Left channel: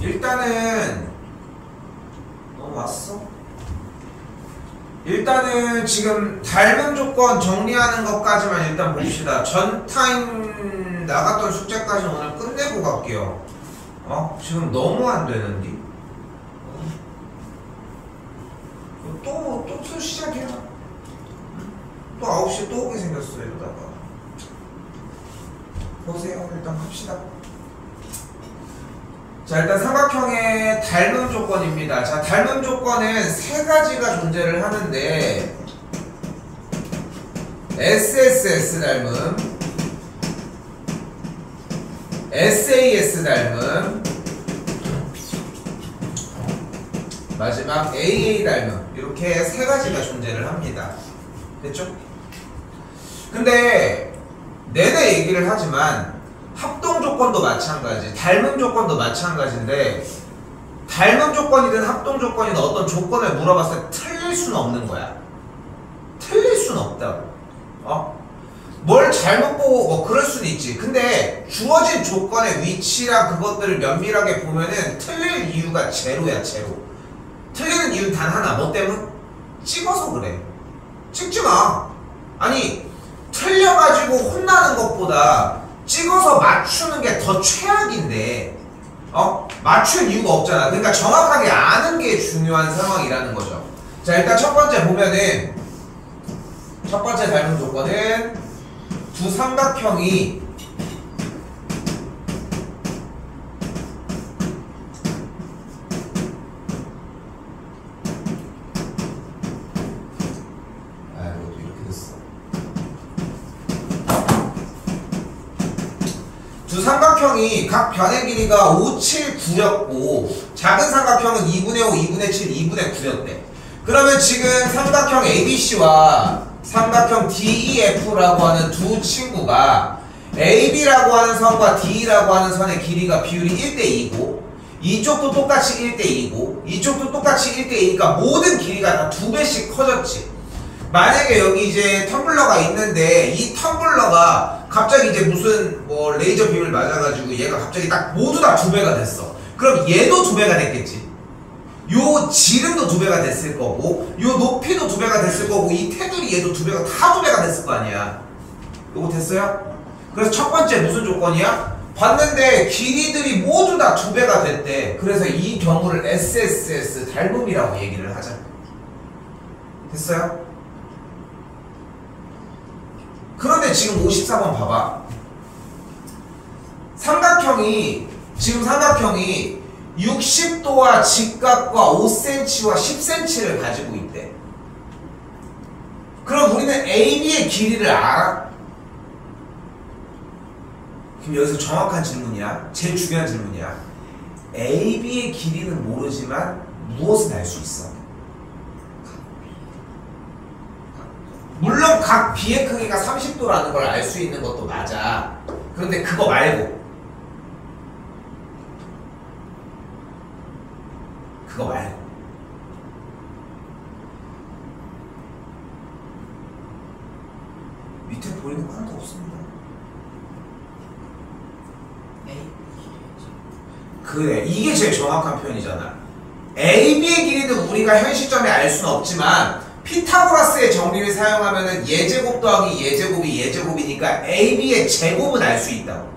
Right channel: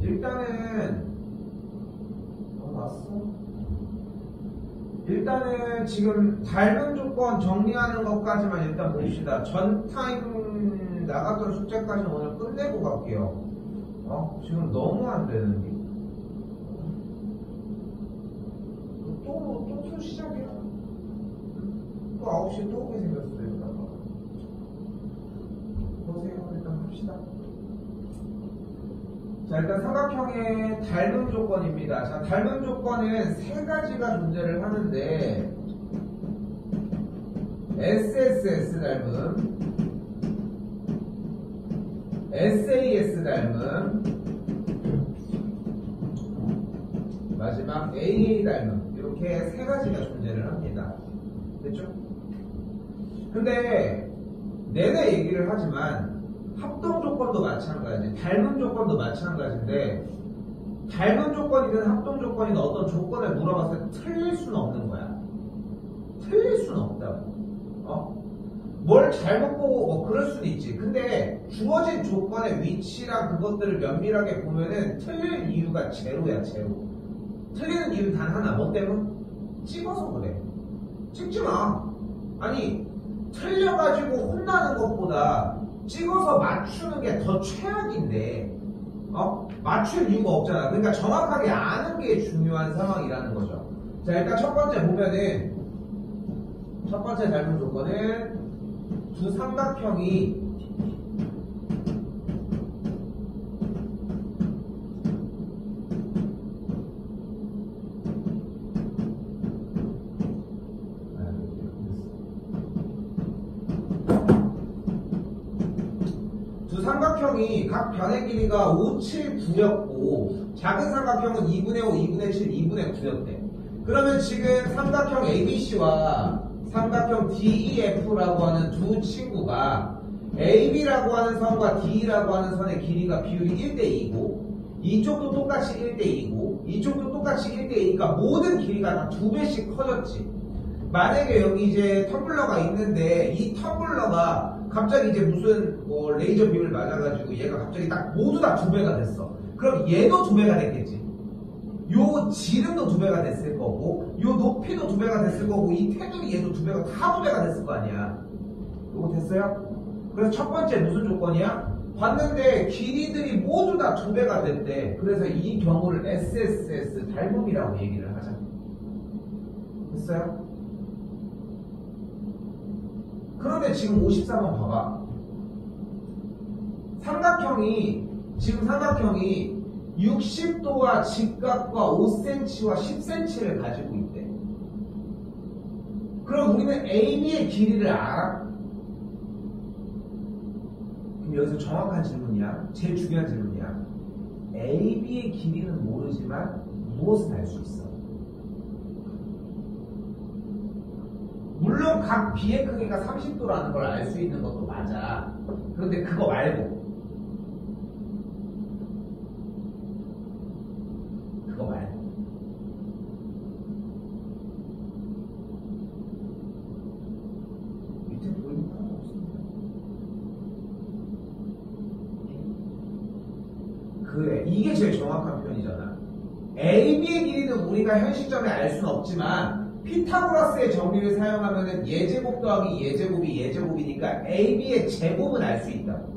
일단은 왔어? 일단은 지금 닮은 조건 정리하는 것까지만 일단 봅시다. 전 타임 나갔던 숙제까지 오늘 끝내고 갈게요. 지금 너무 안 되는데. 또 시작이야. 또 9시에 또 오게 생겼어 이러다가. 보세요. 일단 합시다. 자, 일단 삼각형의 닮음 조건입니다. 자, 닮음 조건은 세 가지가 존재를 하는데 SSS 닮음, SAS 닮음, 마지막 AA 닮음, 이렇게 세 가지가 존재를 합니다. 됐죠? 근데 내내 얘기를 하지만 합동 조건도 마찬가지, 닮음 조건도 마찬가지인데 닮음 조건이든 합동 조건이든 어떤 조건을 물어봤을 때 틀릴 수는 없는 거야. 틀릴 수는 없다고. 뭘 잘못 보고 뭐 그럴 수는 있지. 근데 주어진 조건의 위치랑 그것들을 면밀하게 보면은 틀릴 이유가 제로야, 제로. 틀리는 이유는 단 하나. 뭐 때문? 찍어서 그래. 찍지 마. 아니, 틀려가지고 혼나는 것보다 찍어서 맞추는 게 더 최악인데 맞출 이유가 없잖아. 그러니까 정확하게 아는 게 중요한 상황이라는 거죠. 자, 일단 첫 번째 보면은 첫 번째 닮은 조건은 두 삼각형이 삼각형이 각 변의 길이가 5, 7, 9였고 작은 삼각형은 2분의 5, 2분의 7, 2분의 9였대. 그러면 지금 삼각형 ABC와 삼각형 DEF라고 하는 두 친구가 AB라고 하는 선과 DE라고 하는 선의 길이가 비율이 1대2고 이쪽도 똑같이 1대2고 이쪽도 똑같이 1대2니까 모든 길이가 다 2배씩 커졌지. 만약에 여기 이제 텀블러가 있는데 이 텀블러가 갑자기 이제 무슨 뭐 레이저 빔을 맞아가지고 얘가 갑자기 딱 모두 다 2배가 됐어. 그럼 얘도 2배가 됐겠지. 요 지름도 2배가 됐을 거고 요 높이도 2배가 됐을 거고 이 테두리 얘도 2배가 다 2배가 됐을 거 아니야. 요거 됐어요? 그래서 첫 번째 무슨 조건이야? 봤는데 길이들이 모두 다 2배가 됐대. 그래서 이 경우를 SSS 닮음이라고 얘기를 하자. 됐어요? 그런데 지금 54번 봐봐. 지금 삼각형이 60도와 직각과 5cm와 10cm를 가지고 있대. 그럼 우리는 AB의 길이를 알아? 그럼 여기서 정확한 질문이야. 제일 중요한 질문이야. AB의 길이는 모르지만 무엇은 알 수 있어? 물론 각 B의 크기가 30도라는 걸 알 수 있는 것도 맞아. 그런데 그거 말고 밑에 보이는 거 하나도 없습니다. 그래, 이게 제일 정확한 표현이잖아. AB의 길이는 우리가 현 시점에 알 수는 없지만 피타고라스의 정리를 사용하면은 예제곱 더하기 예제곱이 예제곱이니까 AB의 제곱은 알 수 있다고.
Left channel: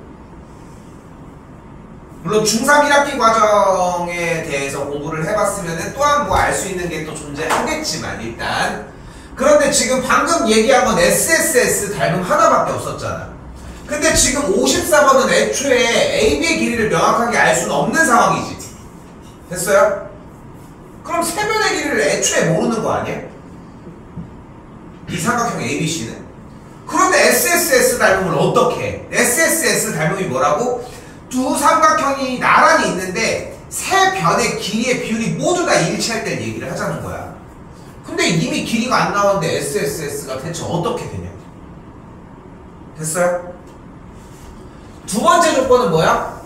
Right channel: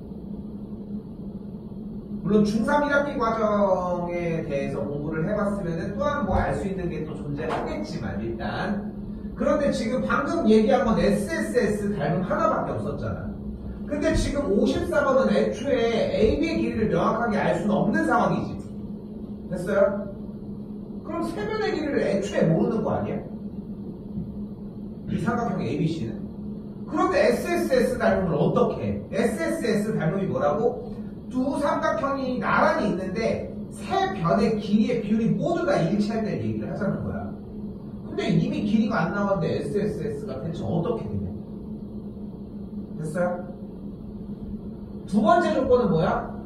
물론 중3 1학기 과정에 대해서 공부를 해봤으면은 또한 뭐 알 수 있는 게 또 존재하겠지만 일단. 그런데 지금 방금 얘기한 건 SSS 닮음 하나밖에 없었잖아. 근데 지금 54번은 애초에 AB의 길이를 명확하게 알 수는 없는 상황이지. 됐어요? 그럼 세 변의 길이를 애초에 모르는 거 아니야? 이 삼각형 ABC는? 그런데 SSS 닮음을 어떻게 해? SSS 닮음이 뭐라고? 두 삼각형이 나란히 있는데 세 변의 길이의 비율이 모두 다 일치할 때 얘기를 하자는 거야. 근데 이미 길이가 안 나왔는데 SSS가 대체 어떻게 되냐? 됐어요? 두 번째 조건은 뭐야?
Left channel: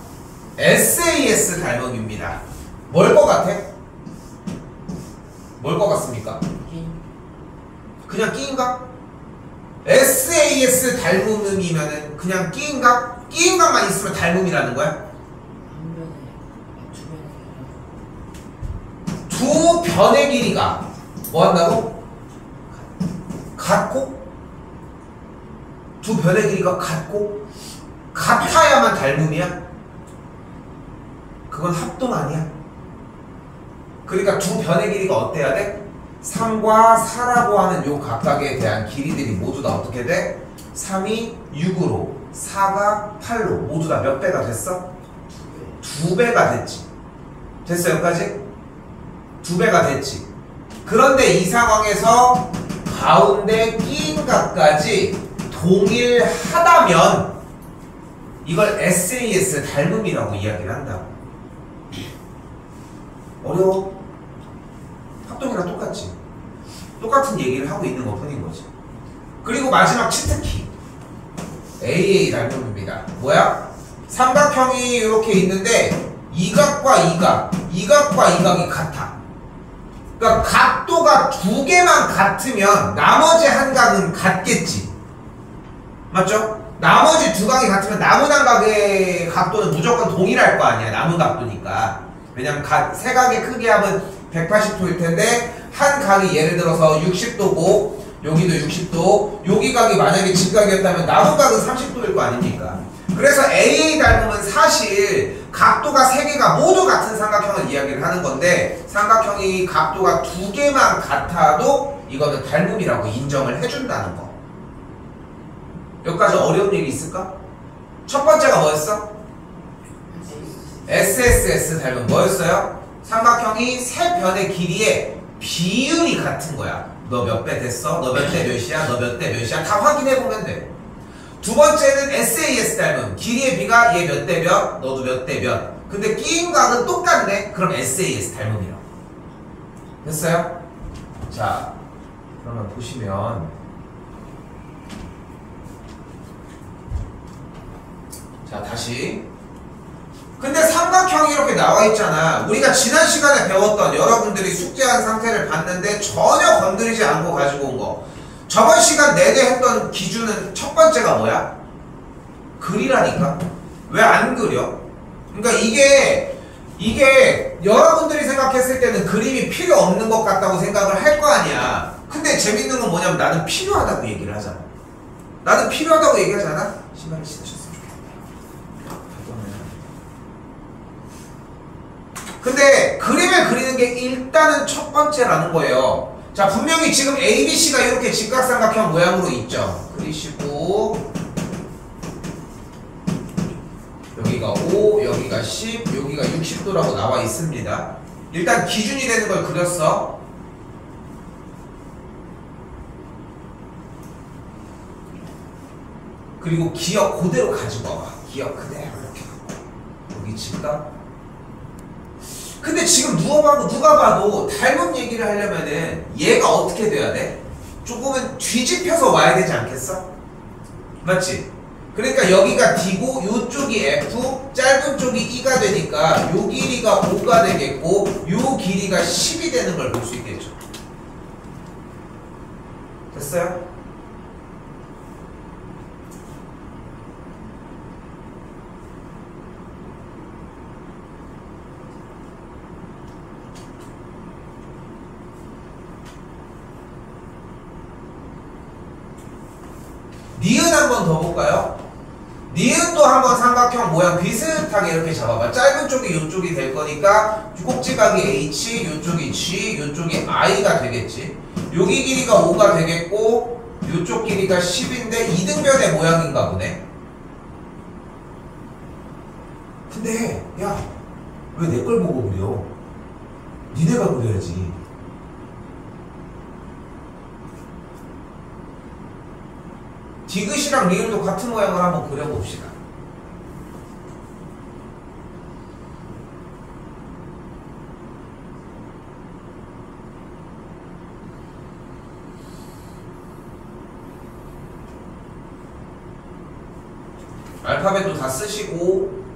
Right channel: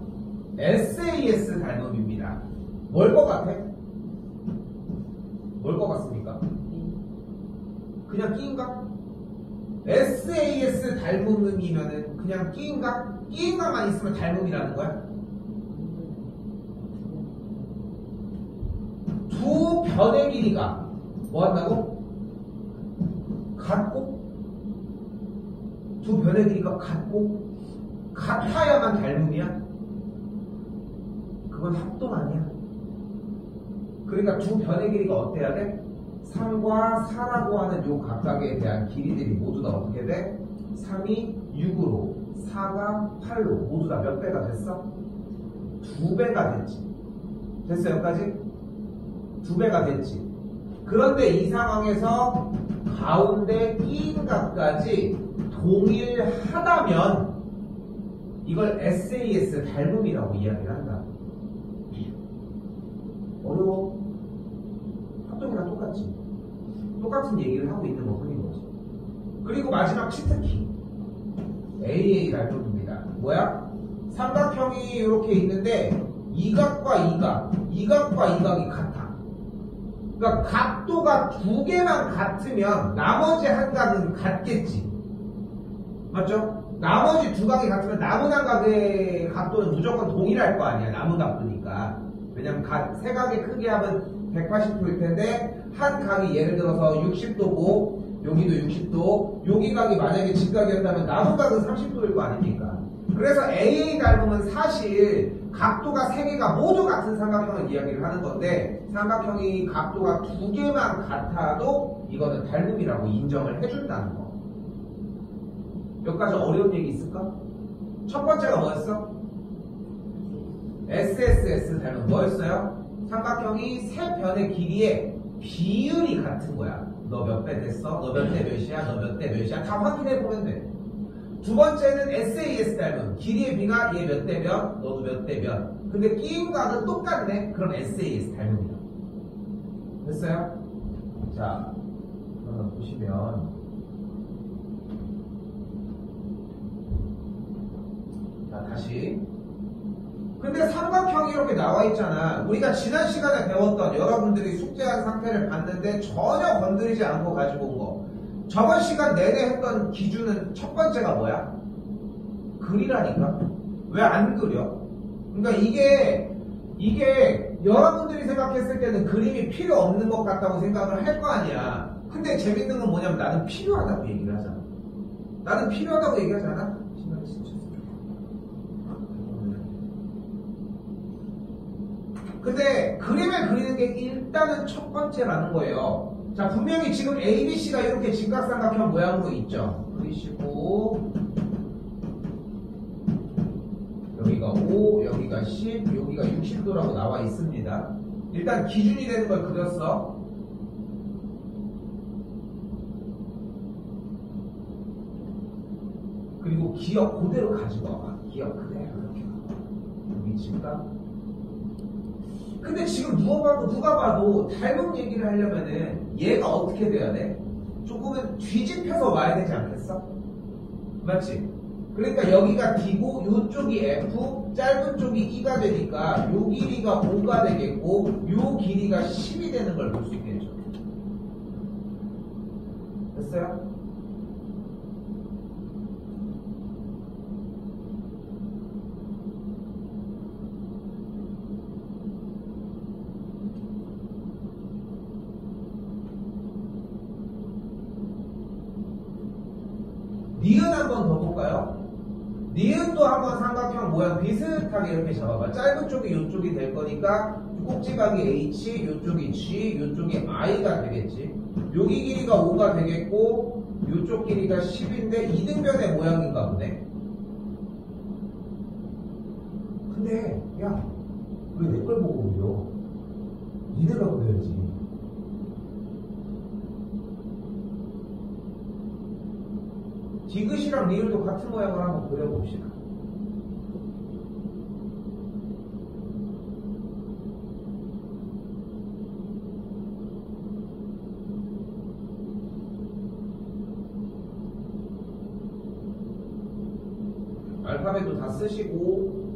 SAS 닮음입니다. 뭘 것 같아? 뭘 것 같습니까? 그냥 끼인각? SAS 닮음이면은 그냥 끼인각? 끼인각만 있으면 닮음이라는 거야? 두 변의 길이가 뭐 한다고? 같고? 두 변의 길이가 같고? 같아야만 닮음이야? 그건 합동 아니야? 그러니까 두 변의 길이가 어때야 돼? 3과 4라고 하는 요 각각에 대한 길이들이 모두 다 어떻게 돼? 3이 6으로 4가 8로 모두 다 몇 배가 됐어? 2배가 됐지. 됐어 여기까지? 2배가 됐지. 그런데 이 상황에서 가운데 끼인 각까지 동일하다면 이걸 SAS 닮음이라고 이야기를 한다고. 어려워? 합동이랑 똑같지. 똑같은 얘기를 하고 있는 것 뿐인 거지. 그리고 마지막 치트키 AA 닮음입니다. 뭐야? 삼각형이 이렇게 있는데 이각과 이각과 이각이 같아. 그러니까 각도가 두 개만 같으면 나머지 한 각은 같겠지. 맞죠? 나머지 두 각이 같으면 남은 한 각의 각도는 무조건 동일할 거 아니야. 남은 각도니까. 왜냐면 세 각의 크기 합은 180도일 텐데 한 각이 예를 들어서 60도고 여기도 60도, 여기 각이 만약에 직각이었다면 남은 각은 30도일 거 아닙니까? 그래서 AA 닮음은 사실 각도가 세 개가 모두 같은 삼각형을 이야기를 하는 건데 삼각형이 각도가 두 개만 같아도 이거는 닮음이라고 인정을 해준다는 거. 여기까지 어려운 얘기 있을까? 첫 번째가 뭐였어? SSS 닮음 뭐였어요? 삼각형이 세 변의 길이의 비율이 같은 거야. 너 몇 배 됐어? 너 몇 대 몇이야? 너 몇 대 몇이야? 다 확인해보면 돼. 두 번째는 SAS 닮음. 길이의 비가 얘 몇 대 몇? 너도 몇 대 몇? 근데 끼인 각은 똑같네? 그럼 SAS 닮음이라고. 됐어요? 자, 그러면 보시면 자, 다시 근데 삼각형이 이렇게 나와 있잖아. 우리가 지난 시간에 배웠던 여러분들이 숙제한 상태를 봤는데 전혀 건드리지 않고 가지고 온 거. 저번 시간 내내 했던 기준은 첫 번째가 뭐야? 그리라니까. 왜 안 그려? 그러니까 이게 여러분들이 생각했을 때는 그림이 필요 없는 것 같다고 생각을 할 거 아니야. 근데 재밌는 건 뭐냐면 나는 필요하다고 얘기를 하잖아. 나는 필요하다고 얘기하잖아. 신발을 신으셨으면 좋겠네요. 근데 그림을 그리는 게 일단은 첫 번째라는 거예요. 자, 분명히 지금 ABC가 이렇게 직각삼각형 모양으로 있죠. 그리시고 여기가 5, 여기가 10, 여기가 60도라고 나와 있습니다. 일단 기준이 되는 걸 그렸어. 그리고 기억 그대로 가지고 와봐. 기억 그대로 이렇게 갖고 여기 직각. 근데 지금 누가 봐도 닮은 얘기를 하려면은 얘가 어떻게 돼야 돼? 조금은 뒤집혀서 와야 되지 않겠어? 맞지? 그러니까 여기가 D고 요쪽이 F, 짧은 쪽이 E가 되니까 요 길이가 5가 되겠고 요 길이가 10이 되는 걸 볼 수 있겠죠. 됐어요? 니은 한번 더 볼까요? 니은도 한번 삼각형 모양 비슷하게 이렇게 잡아봐. 짧은 쪽이 이쪽이 될 거니까 꼭지각이 H, 이쪽이 G, 이쪽이 I가 되겠지. 여기 길이가 5가 되겠고 이쪽 길이가 10인데 이등변의 모양인가 보네. 근데 야, 왜 내 걸 보고 그려? 니네가 그려야지. 디귿이랑 리을도 같은 모양을 한번 그려봅시다. 알파벳도 다 쓰시고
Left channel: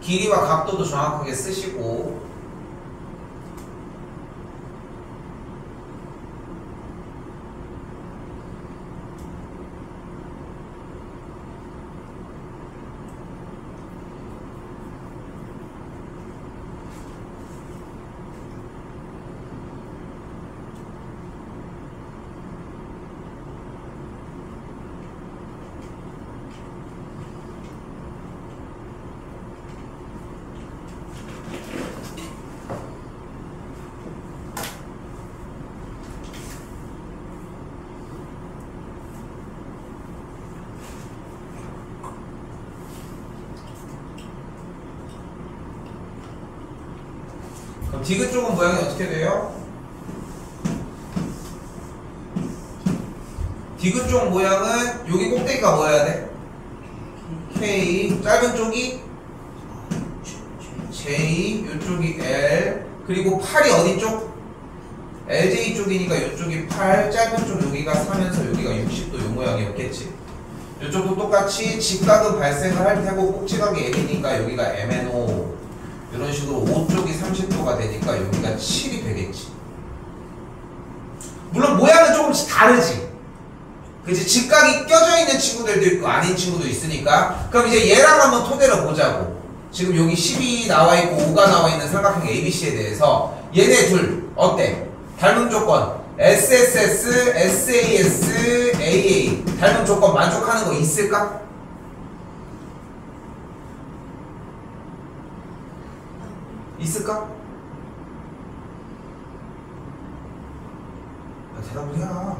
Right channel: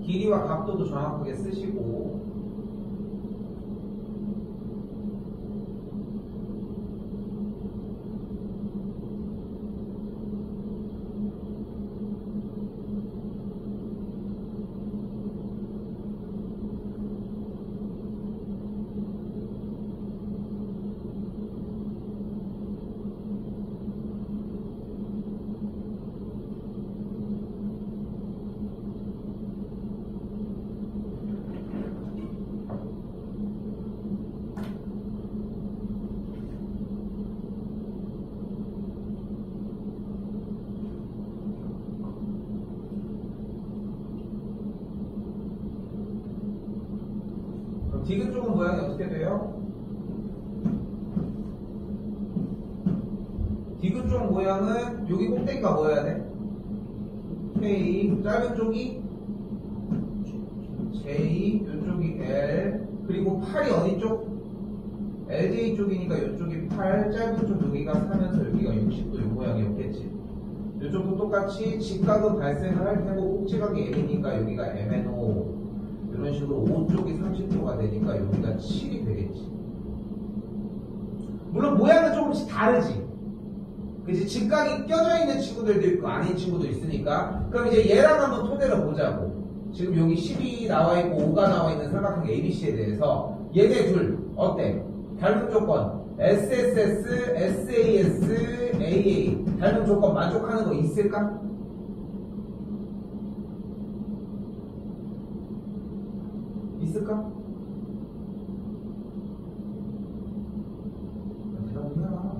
길이와 각도도 정확하게 쓰시고 디귿 쪽은 모양이 어떻게 돼요? 디귿 쪽 모양은 여기 꼭대기가 뭐여야 돼? K. 짧은 쪽이 J, 이쪽이 L. 그리고 팔이 어디 쪽? LJ 쪽이니까 이쪽이 8, 짧은 쪽 여기가 4면서 여기가 60도 요 모양이었겠지. 이쪽도 똑같이 직각은 발생을 할 테고 꼭지각이 M이니까 여기가 MNO. 이런 식으로 5쪽이 30도가 되니까 여기가 7이 되겠지. 물론 모양은 조금씩 다르지. 그치? 직각이 껴져 있는 친구들도 있고 아닌 친구도 있으니까. 그럼 이제 얘랑 한번 토대로 보자고. 지금 여기 10이 나와 있고 5가 나와 있는 삼각형 ABC에 대해서 얘네 둘 어때? 닮은 조건 SSS, SAS, AA 닮은 조건 만족하는 거 있을까? 있을까? 대답을 해라.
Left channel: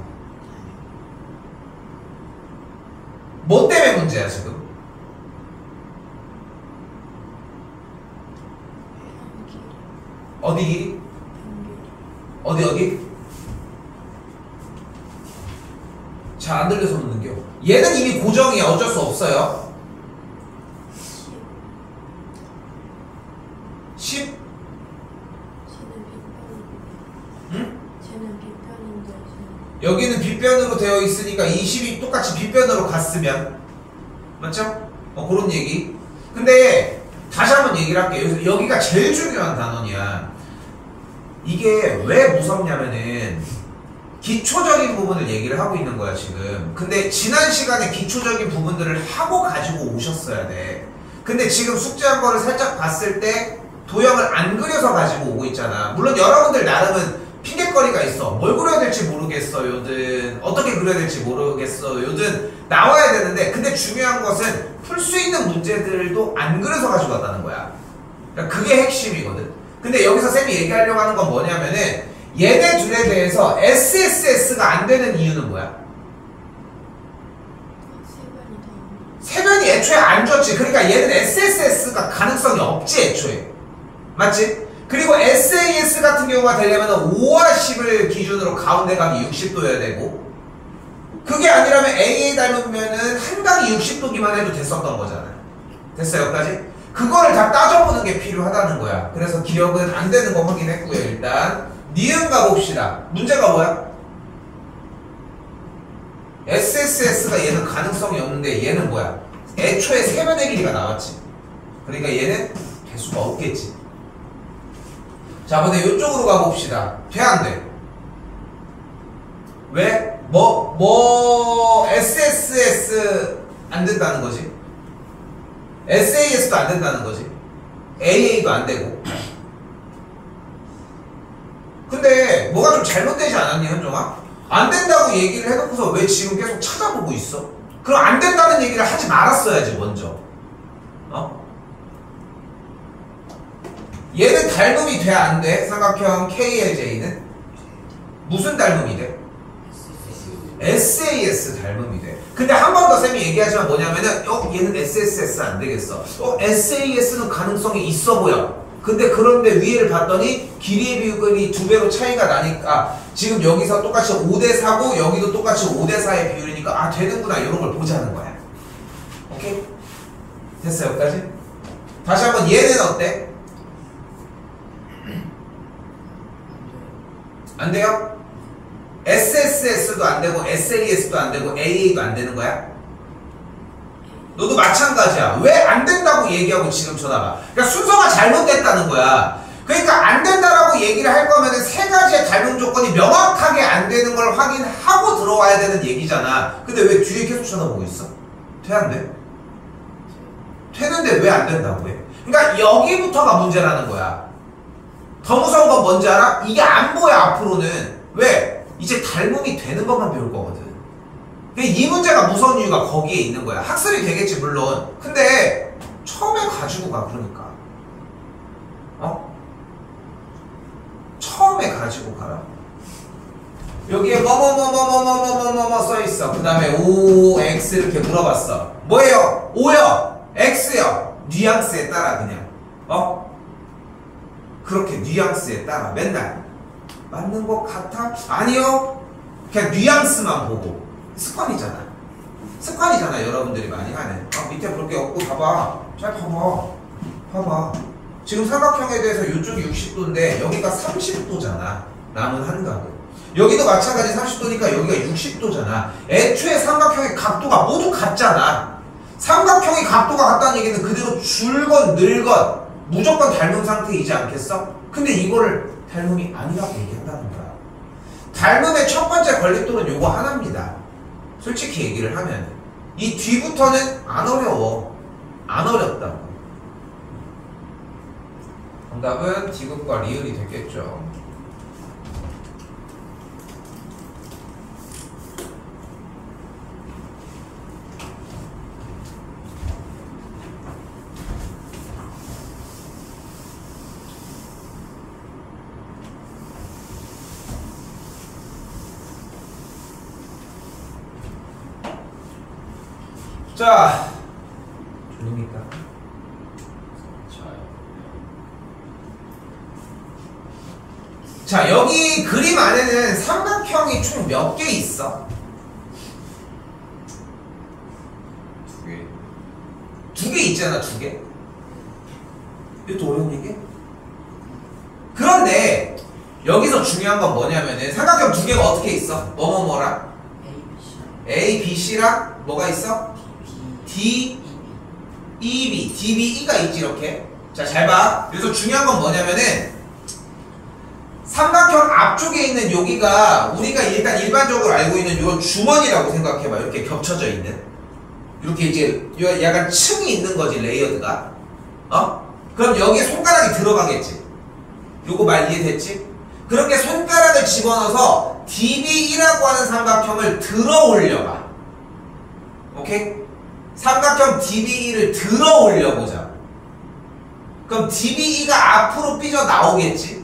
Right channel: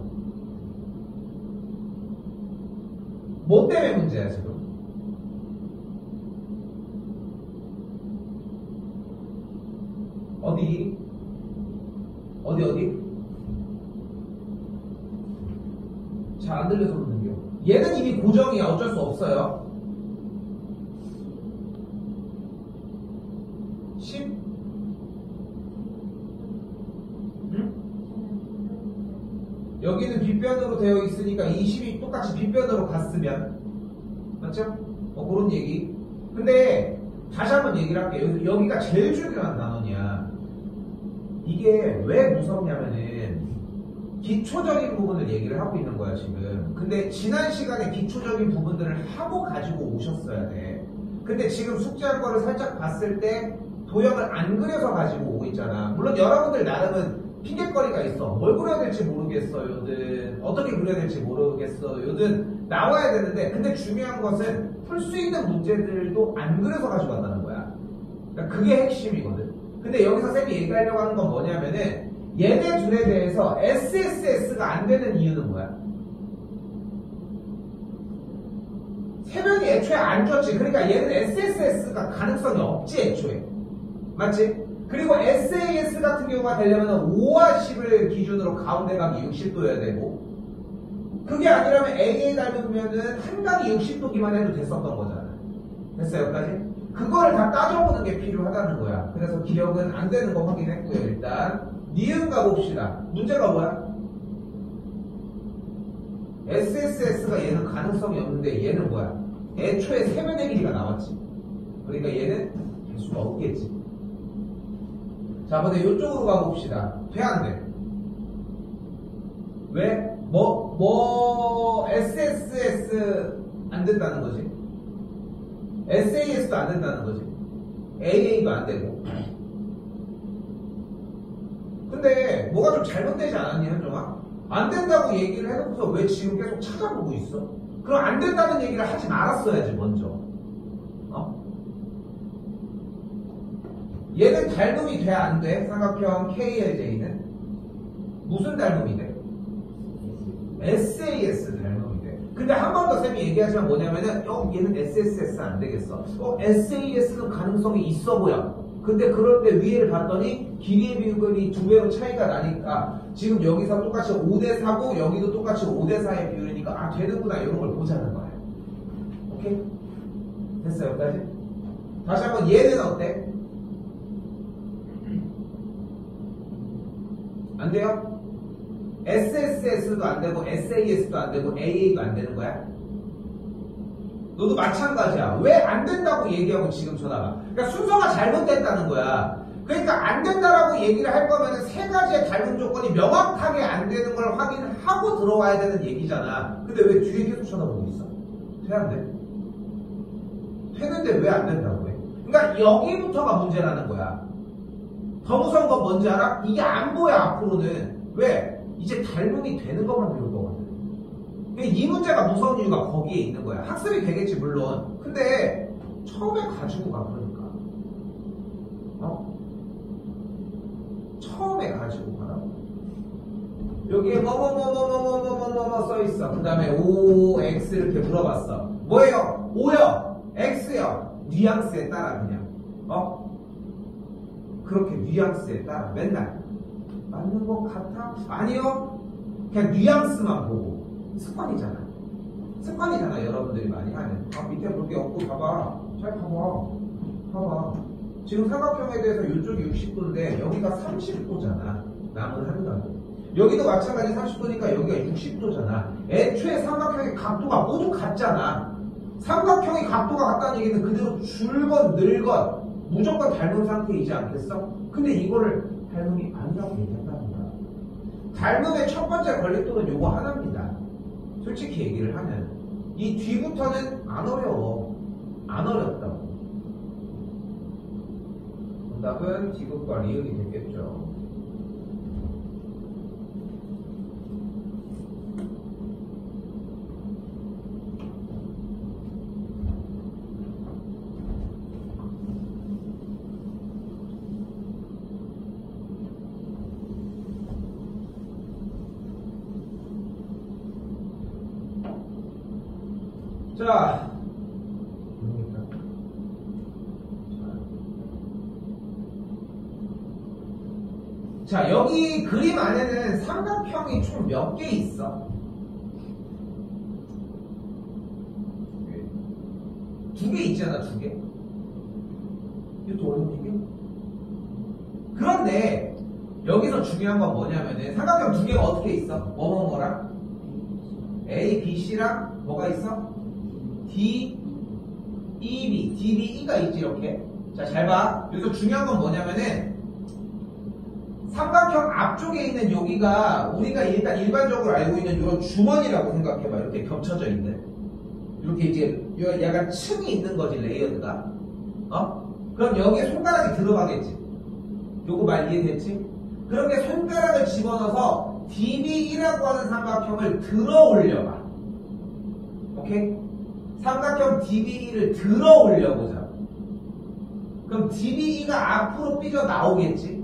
뭐 때문에 문제야 지금? 어디 길이? 어디? 잘 안 들려서 묻는겨. 얘는 이미 고정이야. 어쩔 수 없어요. 10? 응? 여기는 빗변으로 되어 있으니까 20이 똑같이 빗변으로 갔으면 맞죠? 그런 얘기. 근데 다시 한번 얘기를 할게요. 여기가 제일 중요한 단원이야. 이게 왜 무섭냐면은 기초적인 부분을 얘기를 하고 있는 거야 지금. 근데 지난 시간에 기초적인 부분들을 하고 가지고 오셨어야 돼. 근데 지금 숙제한 거를 살짝 봤을 때 도형을 안 그려서 가지고 오고 있잖아. 물론 여러분들 나름은 핑계거리가 있어. 뭘 그려야 될지 모르겠어요든 어떻게 그려야 될지 모르겠어요든 나와야 되는데, 근데 중요한 것은 풀 수 있는 문제들도 안 그려서 가지고 왔다는 거야. 그러니까 그게 핵심이거든. 근데 여기서 쌤이 얘기하려고 하는 건 뭐냐면은 얘네 둘에 대해서 SSS가 안 되는 이유는 뭐야? 세변이 애초에 안 줬지. 그러니까 얘는 SSS가 가능성이 없지 애초에. 맞지? 그리고 SAS 같은 경우가 되려면 5와 10을 기준으로 가운데 각이 60도여야 되고, 그게 아니라면 AA 닮으면은 한 각이 60도기만 해도 됐었던 거잖아. 됐어요 여기까지? 그거를 다 따져보는 게 필요하다는 거야. 그래서 기억은 안 되는 거 확인했고요. 일단 니은 가봅시다. 문제가 뭐야? SSS가 얘는 가능성이 없는데 얘는 뭐야? 애초에 세변의 길이가 나왔지. 그러니까 얘는 될 수가 없겠지. 자, 근데 이쪽으로 가봅시다. 돼 안 돼? 왜? SSS 안 된다는 거지. SAS도 안 된다는 거지. AA도 안 되고. 근데 뭐가 좀 잘못되지 않았니 현종아? 안 된다고 얘기를 해놓고서 왜 지금 계속 찾아보고 있어? 그럼 안 된다는 얘기를 하지 말았어야지 먼저. 얘는 닮음이 돼 안 돼? 삼각형 KLJ는? 무슨 닮음이 돼? SAS 닮음이 돼. 근데 한 번 더 쌤이 얘기하지만 뭐냐면은 얘는 SSS 안 되겠어. SAS는 가능성이 있어 보여. 근데 그런데 위에를 봤더니 길이의 비율이 2배로 차이가 나니까 지금 여기서 똑같이 5대4고 여기도 똑같이 5대4의 비율이니까 되는구나 이런 걸 보자는 거야. 오케이? 됐어요 여기까지? 다시 한번 얘는 어때? 안 돼요? SSS도 안 되고 SAS도 안 되고 AA도 안 되는 거야? 너도 마찬가지야. 왜 안 된다고 얘기하고 지금 쳐다봐. 그러니까 순서가 잘못됐다는 거야. 그러니까 안 된다라고 얘기를 할 거면 세 가지의 닮은 조건이 명확하게 안 되는 걸 확인하고 들어와야 되는 얘기잖아. 근데 왜 뒤에 계속 쳐다보고 있어? 돼 안 돼? 되는데 왜 안 된다고 해? 그러니까 여기부터가 문제라는 거야. 더 무서운 건 뭔지 알아? 이게 안 보여 앞으로는. 왜? 이제 닮음이 되는 것만 배울 거거든. 이 문제가 무서운 이유가 거기에 있는 거야. 학습이 되겠지 물론. 근데 처음에 가지고 가. 그러니까 처음에 가지고 가라. 여기에 뭐뭐뭐뭐뭐뭐뭐뭐 써있어. 그 다음에 O, X 이렇게 물어봤어. 뭐예요? O요? X요? 뉘앙스에 따라 그냥 그렇게 뉘앙스에 따라 맨날 맞는 것 같아? 아니요. 그냥 뉘앙스만 보고. 습관이잖아. 여러분들이 많이 하는. 밑에 볼 게 없고 봐봐. 잘 봐봐. 지금 삼각형에 대해서 이쪽이 60도인데 여기가 30도잖아. 남은 한각은. 여기도 마찬가지 30도니까 여기가 60도잖아. 애초에 삼각형의 각도가 모두 같잖아. 삼각형의 각도가 같다는 얘기는 그대로 줄건 늘건 무조건 닮은 상태이지 않겠어? 근데 이거를 닮음이 아니라고 얘기한다는 거야. 닮음의 첫 번째 걸림돌은 요거 하나입니다. 솔직히 얘기를 하면 이 뒤부터는 안 어려워. 안 어렵다고. 정답은 디귿과 리을이 됐겠죠. 자, 조용히까. 자, 여기 그림 안에는 삼각형이 총 몇 개 있어? 두 개 있잖아, 두 개. 이것도 어려운 얘기? 그런데 여기서 중요한 건 뭐냐면은 삼각형 두 개가 어떻게 있어? 뭐랑? A, B, C랑 뭐가 있어? D, E, B, D, B, E가 있지 이렇게. 자, 잘 봐. 여기서 중요한 건 뭐냐면은 삼각형 앞쪽에 있는 여기가 우리가 일단 일반적으로 알고 있는 이런 주머니라고 생각해봐. 이렇게 겹쳐져 있는. 이렇게 이제 약간 층이 있는 거지, 레이어드가. 그럼 여기에 손가락이 들어가겠지. 요거 말 이해됐지? 그렇게 손가락을 집어넣어서 DBE라고 하는 삼각형을 들어 올려봐. 오케이? 삼각형 DBE를 들어 올려보자. 그럼 DBE가 앞으로 삐져 나오겠지?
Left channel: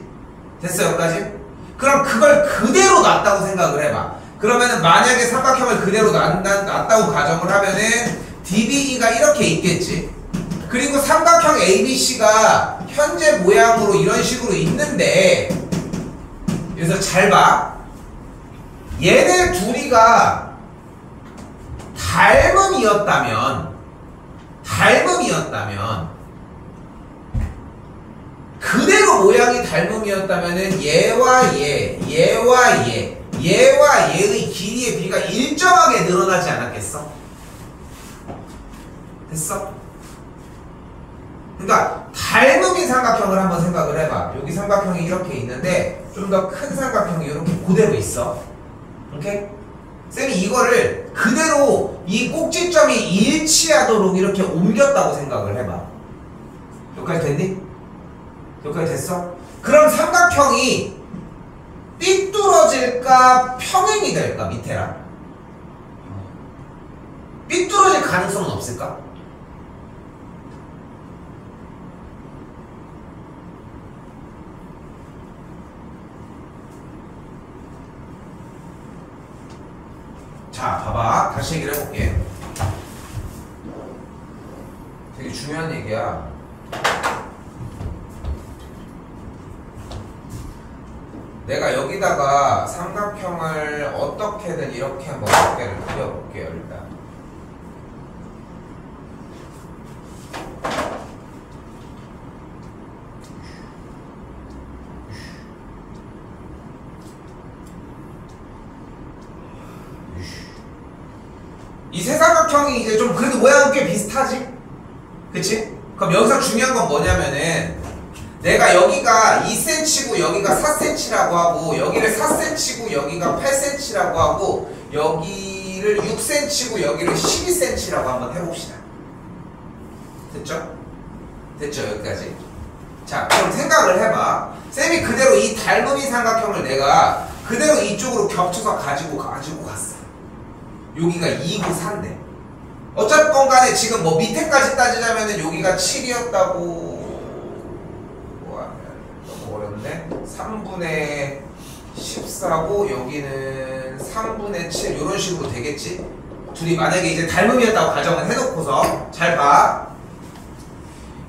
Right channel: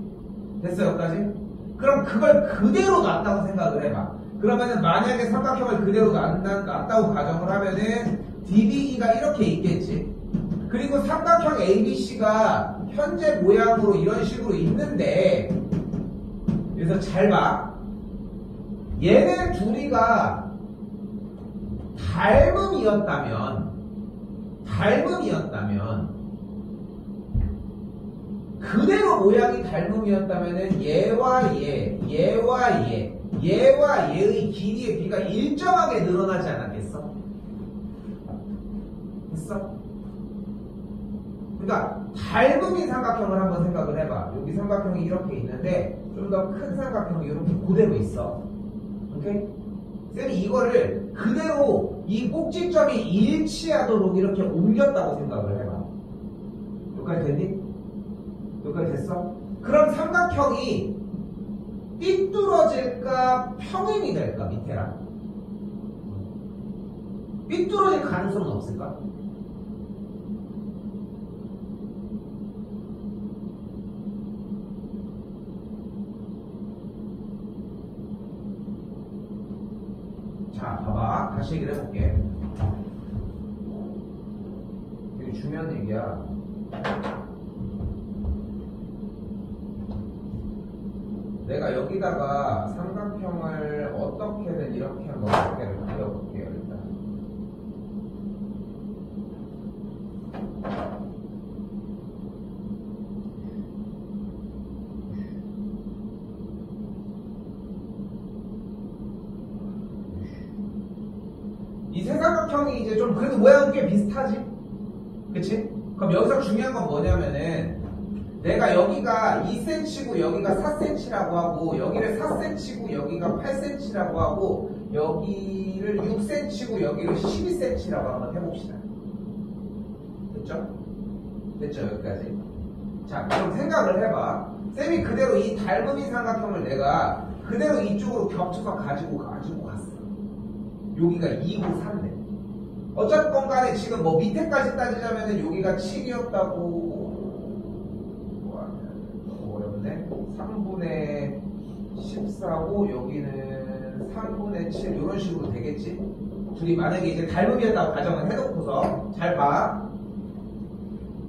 됐어, 여기까지? 그럼 그걸 그대로 놨다고 생각을 해봐. 그러면은 만약에 삼각형을 그대로 놨다고 가정을 하면은 DBE가 이렇게 있겠지? 그리고 삼각형 ABC가 현재 모양으로 이런 식으로 있는데, 그래서 잘 봐. 얘네 둘이가 닮음이었다면 그대로 모양이 닮음이었다면은 얘와 얘의 길이의 비가 일정하게 늘어나지 않았겠어? 됐어? 그러니까 닮음인 삼각형을 한번 생각을 해봐. 여기 삼각형이 이렇게 있는데 좀 더 큰 삼각형이 이렇게 그대로 있어. 오케이? 쌤이 이거를 그대로 이 꼭지점이 일치하도록 이렇게 옮겼다고 생각을 해봐. 여기까지 됐니? 여기까지 됐어? 그럼 삼각형이 삐뚤어질까 평행이 될까? 밑에랑 삐뚤어질 가능성은 없을까? 자, 봐봐. 다시 얘기를 해볼게. 되게 중요한 얘기야. 내가 여기다가 삼각형을 어떻게든 이렇게 한번 몇 개를 그려볼게요, 일단. 이 세 삼각형이 이제 좀 그래도 모양은 꽤 비슷하지? 그치? 그럼 여기서 중요한 건 뭐냐면은 내가 여기가 2cm고 여기가 4cm라고 하고 여기를 4cm고 여기가 8cm라고 하고 여기를 6cm고 여기를 12cm라고 한번 해봅시다. 됐죠? 됐죠? 여기까지. 자, 그럼 생각을 해봐. 쌤이 그대로 이 닮음이 삼각형을 내가 그대로 이쪽으로 겹쳐서 가지고 갔어. 여기가 2고 4인데 어쨌건 간에 지금 뭐 밑에까지 따지자면은 여기가 7이었다고 너무 어렵네. 3분의 14고 여기는 3분의 7 이런 식으로 되겠지. 둘이 만약에 이제 닮음이었다고 가정을 해놓고서 잘 봐.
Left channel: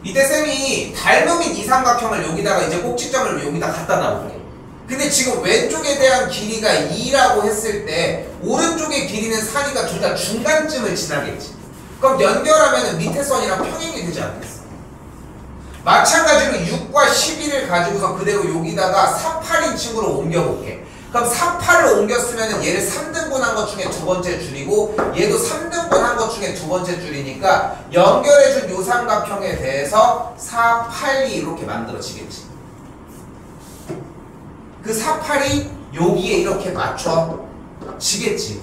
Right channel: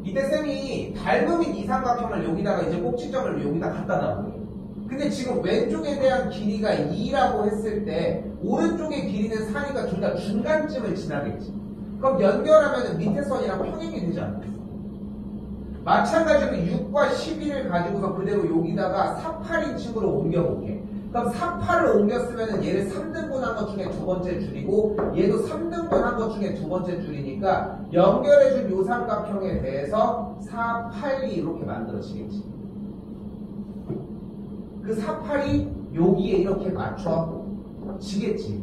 이때 쌤이 닮음인 이 삼각형을 여기다가 이제 꼭지점을 여기다 갖다 놔볼게. 근데 지금 왼쪽에 대한 길이가 2라고 했을 때 오른쪽의 길이는 4니까 둘 다 중간쯤을 지나겠지. 그럼 연결하면 밑에 선이랑 평행이 되지 않겠어? 마찬가지로 6과 12를 가지고서 그대로 여기다가 4, 8인칭으로 옮겨볼게. 그럼 4, 8을 옮겼으면 얘를 3등분 한 것 중에 두 번째 줄이고 얘도 3등분 한 것 중에 두 번째 줄이니까 연결해준 요 삼각형에 대해서 4, 8이 이렇게 만들어지겠지. 그 4, 8이 여기에 이렇게 맞춰지겠지.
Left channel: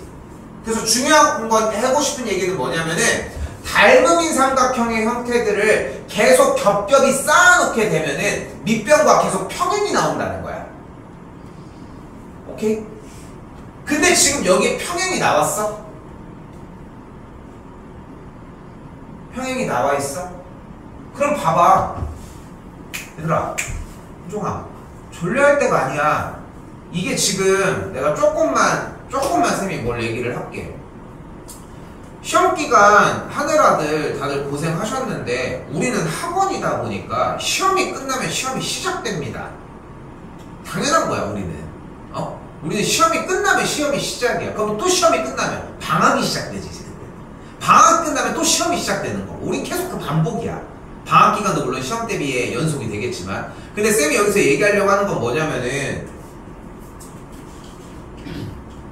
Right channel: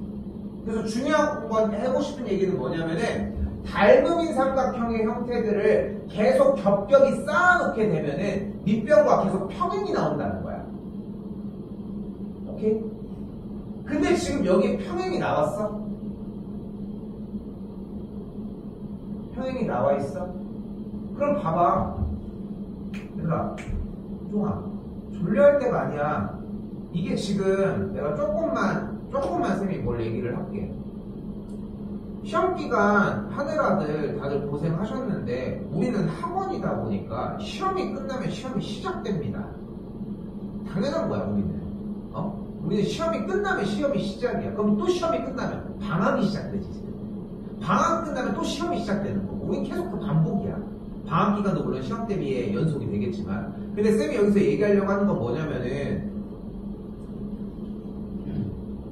그래서 중요한 건 하고 싶은 얘기는 뭐냐면은 닮음인 삼각형의 형태들을 계속 겹겹이 쌓아놓게 되면은 밑변과 계속 평행이 나온다는 거야. 오케이? 근데 지금 여기에 평행이 나왔어? 평행이 나와 있어? 그럼 봐봐. 얘들아, 효종아, 졸려할 때가 아니야. 이게 지금 내가 조금만 쌤이 뭘 얘기를 할게. 시험기간 하느라들 다들 고생하셨는데 우리는 학원이다 보니까 시험이 끝나면 시험이 시작됩니다. 당연한 거야. 우리는 시험이 끝나면 시험이 시작이야. 그럼 또 시험이 끝나면 방학이 시작되지. 방학 끝나면 또 시험이 시작되는 거고 우린 계속 그 반복이야. 방학 기간도 물론 시험 대비에 연속이 되겠지만 근데 쌤이 여기서 얘기하려고 하는 건 뭐냐면은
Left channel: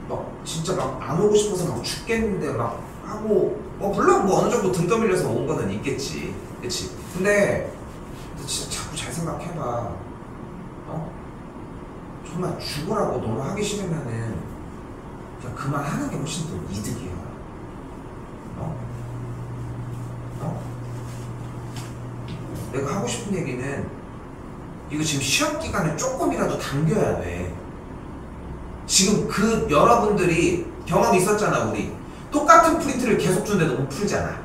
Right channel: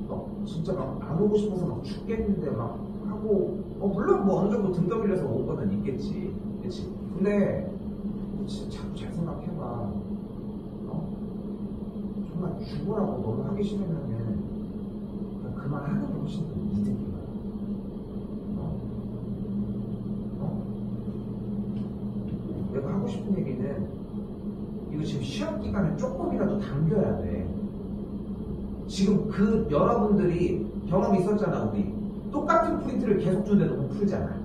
막 진짜 막 안 오고 싶어서 막 죽겠는데 막 하고 물론 뭐 어느 정도 등 떠밀려서 온 거는 있겠지. 그치? 근데 진짜 자꾸 잘 생각해봐. 정말 죽으라고 너무 하기 싫으면은 그냥 그만하는 게 훨씬 더 이득이야. 내가 하고 싶은 얘기는 이거 지금 시험 기간에 조금이라도 당겨야 돼. 지금 그 여러분들이 경험 있었잖아. 우리 똑같은 프린트를 계속 주는데도 못 풀잖아.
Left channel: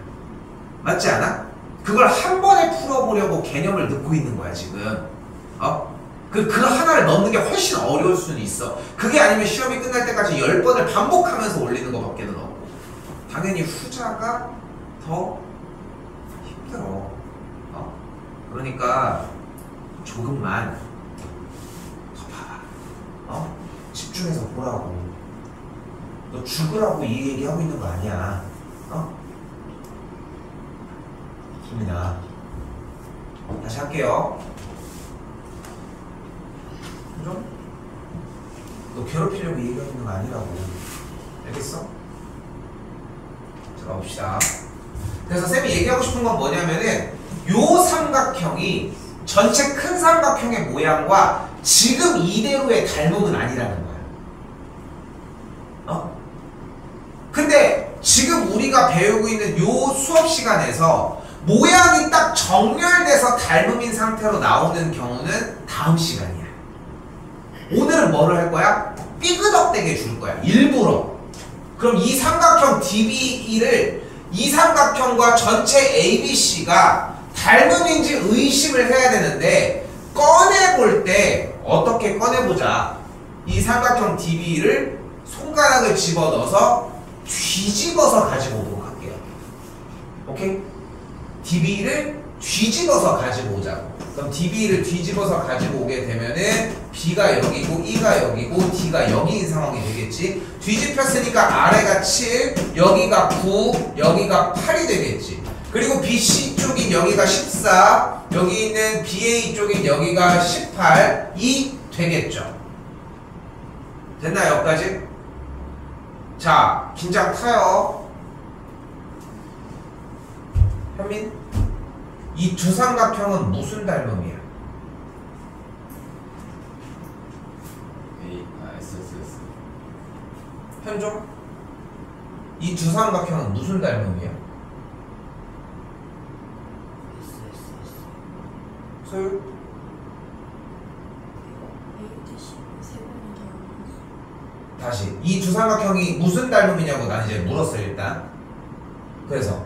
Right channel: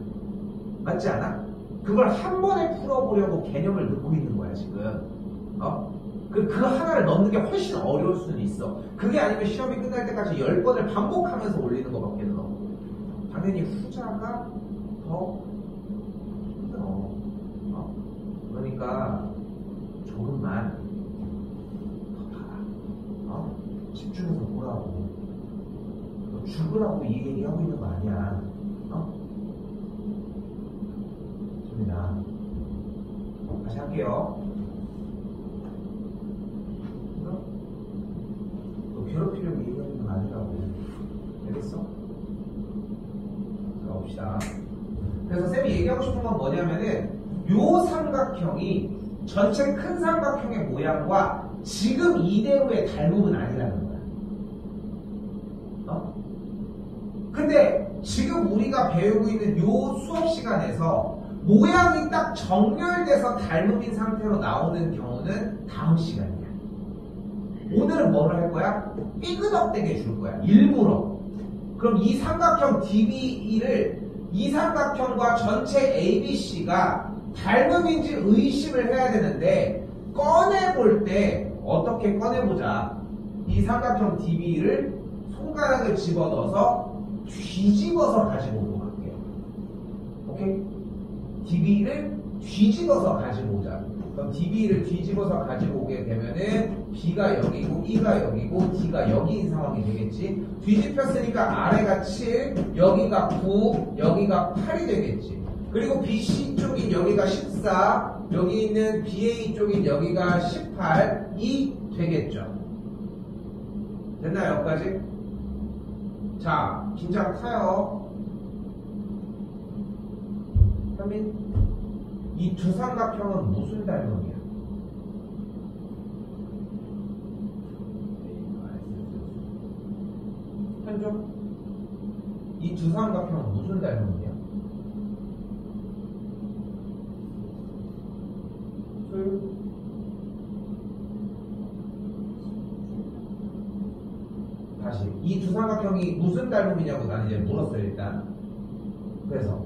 맞지 않아? 그걸 한 번에 풀어보려고 개념을 넣고 있는 거야 지금. 그 하나를 넣는 게 훨씬 어려울 수는 있어. 그게 아니면 시험이 끝날 때까지 10번을 반복하면서 올리는 것밖에는 없고 당연히 후자가 더 힘들어. 그러니까 조금만 더 봐봐. 집중해서 보라고. 너 죽으라고 이 얘기하고 있는 거 아니야. 김이나 다시 할게요. 그죠? 너 괴롭히려고 얘기하고 있는 거 아니라고. 알겠어? 자, 가봅시다. 그래서 쌤이 얘기하고 싶은 건 뭐냐면은 요 삼각형이 전체 큰 삼각형의 모양과 지금 이대로의 닮음은 아니라는 거야. 근데 지금 우리가 배우고 있는 요 수업 시간에서 모양이 딱 정렬돼서 닮음인 상태로 나오는 경우는 다음 시간이야. 오늘은 뭐를 할 거야? 삐그덕대게 줄 거야. 일부러. 그럼 이 삼각형 DBE를 이 삼각형과 전체 ABC가 닮음인지 의심을 해야 되는데 꺼내볼 때 어떻게 꺼내보자. 이 삼각형 DB를 손가락을 집어넣어서 뒤집어서 가지고 오도록 할게요. 오케이? DB를 뒤집어서 가지고 오자고. 그럼 DB를 뒤집어서 가지고 오게 되면은 B가 여기고 E가 여기고 D가 여기인 상황이 되겠지. 뒤집혔으니까 아래가 7, 여기가 9, 여기가 8이 되겠지. 그리고 BC 쪽인 여기가 14, 여기 있는 BA 쪽인 여기가 18이 되겠죠. 됐나요? 여기까지? 자, 긴장 타요. 현민, 이 두 삼각형은 무슨 닮음이야? SSS. 현종, 이 두 삼각형은 무슨 닮음이야? 소율? 다시 이 두 삼각형이 무슨 닮음이냐고 난 이제 물었어 일단. 그래서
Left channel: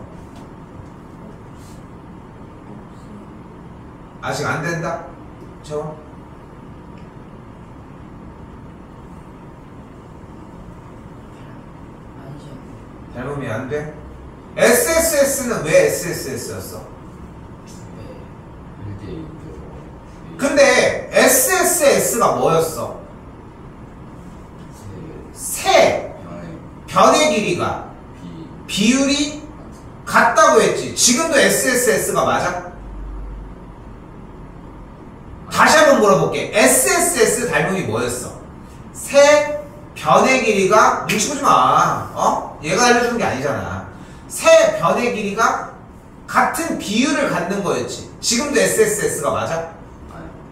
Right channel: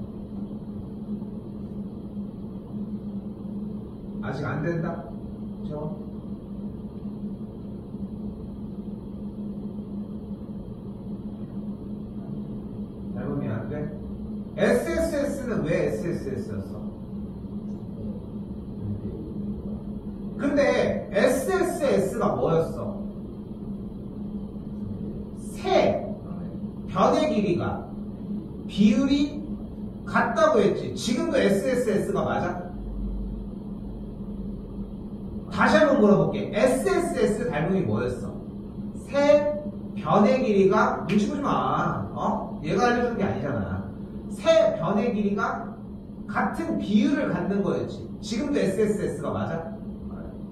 아직 안 된다? 저 닮음이 안 돼? SSS는 왜 SSS였어? 근데 SSS가 뭐였어? 세 변의 길이가 비율이 같다고 했지. 지금도 SSS가 맞아? 다시 한번 물어볼게. SSS 닮음이 뭐였어? 세 변의 길이가 눈치 보지 마. 얘가 알려주는 게 아니잖아. 세 변의 길이가 같은 비율을 갖는 거였지. 지금도 SSS가 맞아?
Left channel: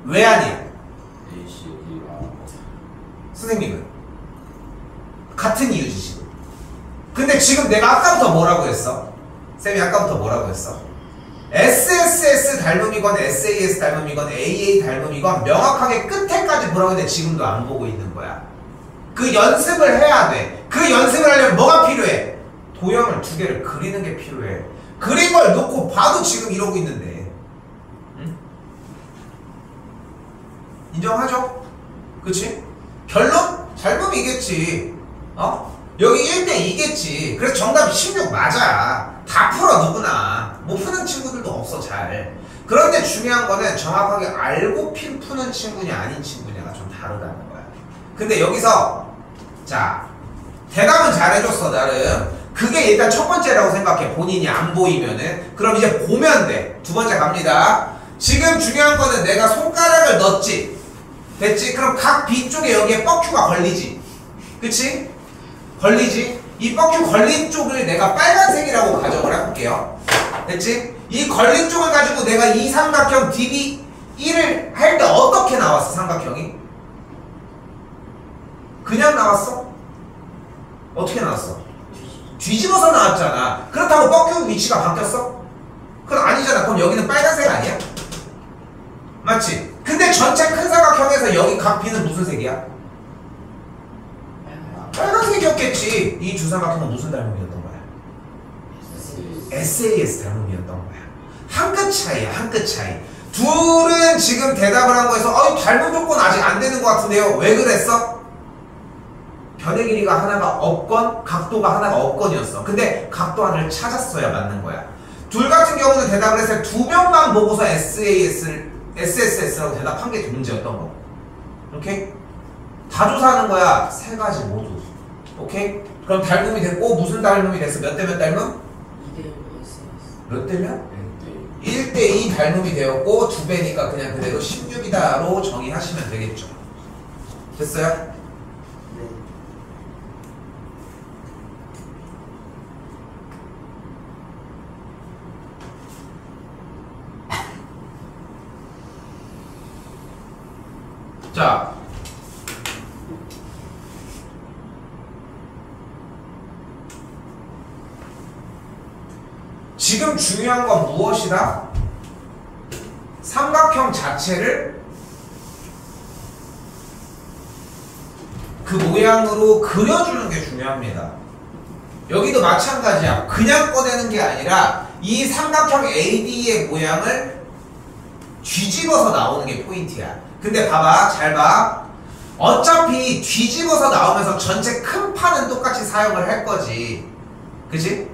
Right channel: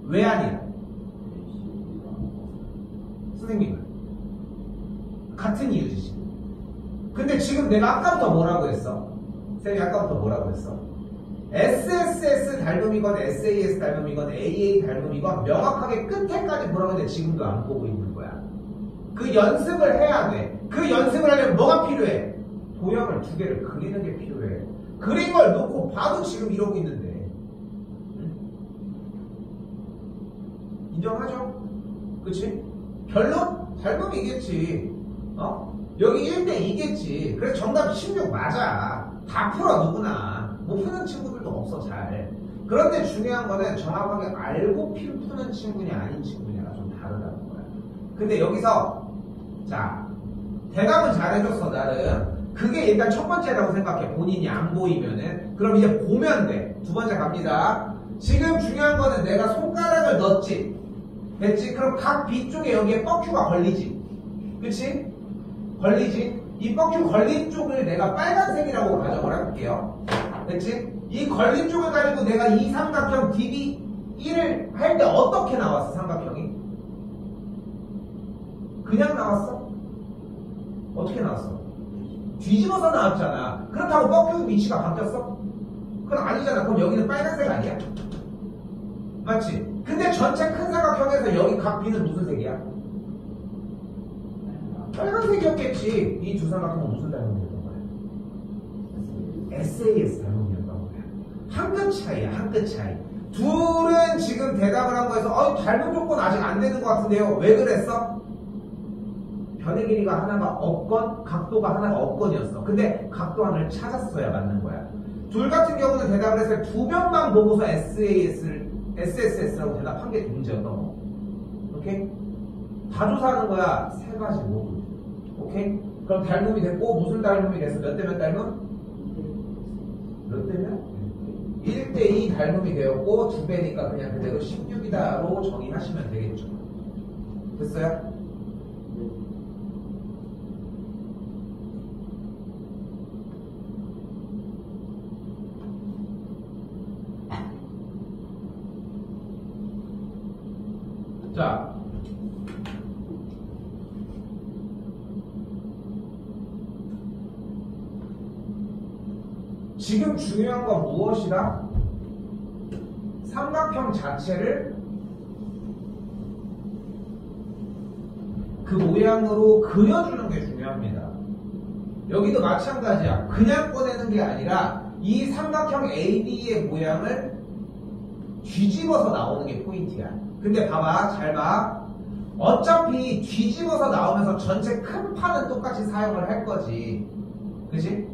왜 아니야? 선생님은 같은 이유지 지금. 근데 지금 내가 아까부터 뭐라고 했어? 쌤이 아까부터 뭐라고 했어? SSS 닮음이건 SAS 닮음이건 AA 닮음이건 명확하게 끝에까지 보라고 했는데 지금도 안 보고 있는 거야. 그 연습을 해야 돼. 그 연습을 하려면 뭐가 필요해? 도형을 두 개를 그리는 게 필요해. 그린 걸 놓고 봐도 지금 이러고 있는데. 응? 인정하죠? 그치? 결론? 닮음이겠지. 여기 1대2겠지. 그래서 정답 16 맞아. 다 풀어 누구나. 못 푸는 친구들도 없어 잘. 그런데 중요한 거는 정확하게 알고 푸는 친구냐 아닌 친구냐가 좀 다르다는 거야. 근데 여기서 자 대답은 잘해줬어 나름. 그게 일단 첫 번째라고 생각해. 본인이 안 보이면은. 그럼 이제 보면 돼. 두 번째 갑니다. 지금 중요한 거는 내가 손가락을 넣었지. 됐지? 그럼 각 B 쪽에 여기에 뻑큐가 걸리지. 그치? 걸리지? 이 뻑큐 걸린 쪽을 내가 빨간색이라고 가정을 해볼게요. 됐지? 이 걸린 쪽을 가지고 내가 이 삼각형 DB1을 할 때 어떻게 나왔어 삼각형이? 그냥 나왔어? 어떻게 나왔어? 뒤집어서 나왔잖아. 그렇다고 뻑큐 위치가 바뀌었어? 그건 아니잖아. 그럼 여기는 빨간색 아니야? 맞지? 근데 전체 큰 삼각형에서 여기 각 B는 무슨 색이야? 빨간색이었겠지. 이 두 삼각형은 무슨 닮음이었던 거야? SAS 닮음이었던 거야. 한 끗 차이야. 한 끗 차이. 둘은 지금 대답을 한 거에서 닮음 조건 아직 안 되는 것 같은데요. 왜 그랬어? 변의 길이가 하나가 없건 각도가 하나가 없건이었어. 근데 각도 하나를 찾았어야 맞는 거야. 둘 같은 경우는 대답을 했을 때 두 명만 보고서 SSS라고 대답한 게 문제였던 거. 오케이? 다 조사하는 거야. 세 가지 모두. 오케이? 그럼 닮음이 됐고 무슨 닮음이 됐어? 몇 대 몇 닮음? 2대 몇 대면? 1대2 닮음이 되었고 2배니까 그냥 그대로 16이다로 정의하시면 되겠죠. 됐어요? 네. 자, 지금 중요한 건 무엇이다? 삼각형 자체를 그 모양으로 그려주는 게 중요합니다. 여기도 마찬가지야. 그냥 꺼내는 게 아니라 이 삼각형 AD의 모양을 뒤집어서 나오는 게 포인트야. 근데 봐봐, 잘 봐. 어차피 뒤집어서 나오면서 전체 큰 판은 똑같이 사용을 할 거지. 그치?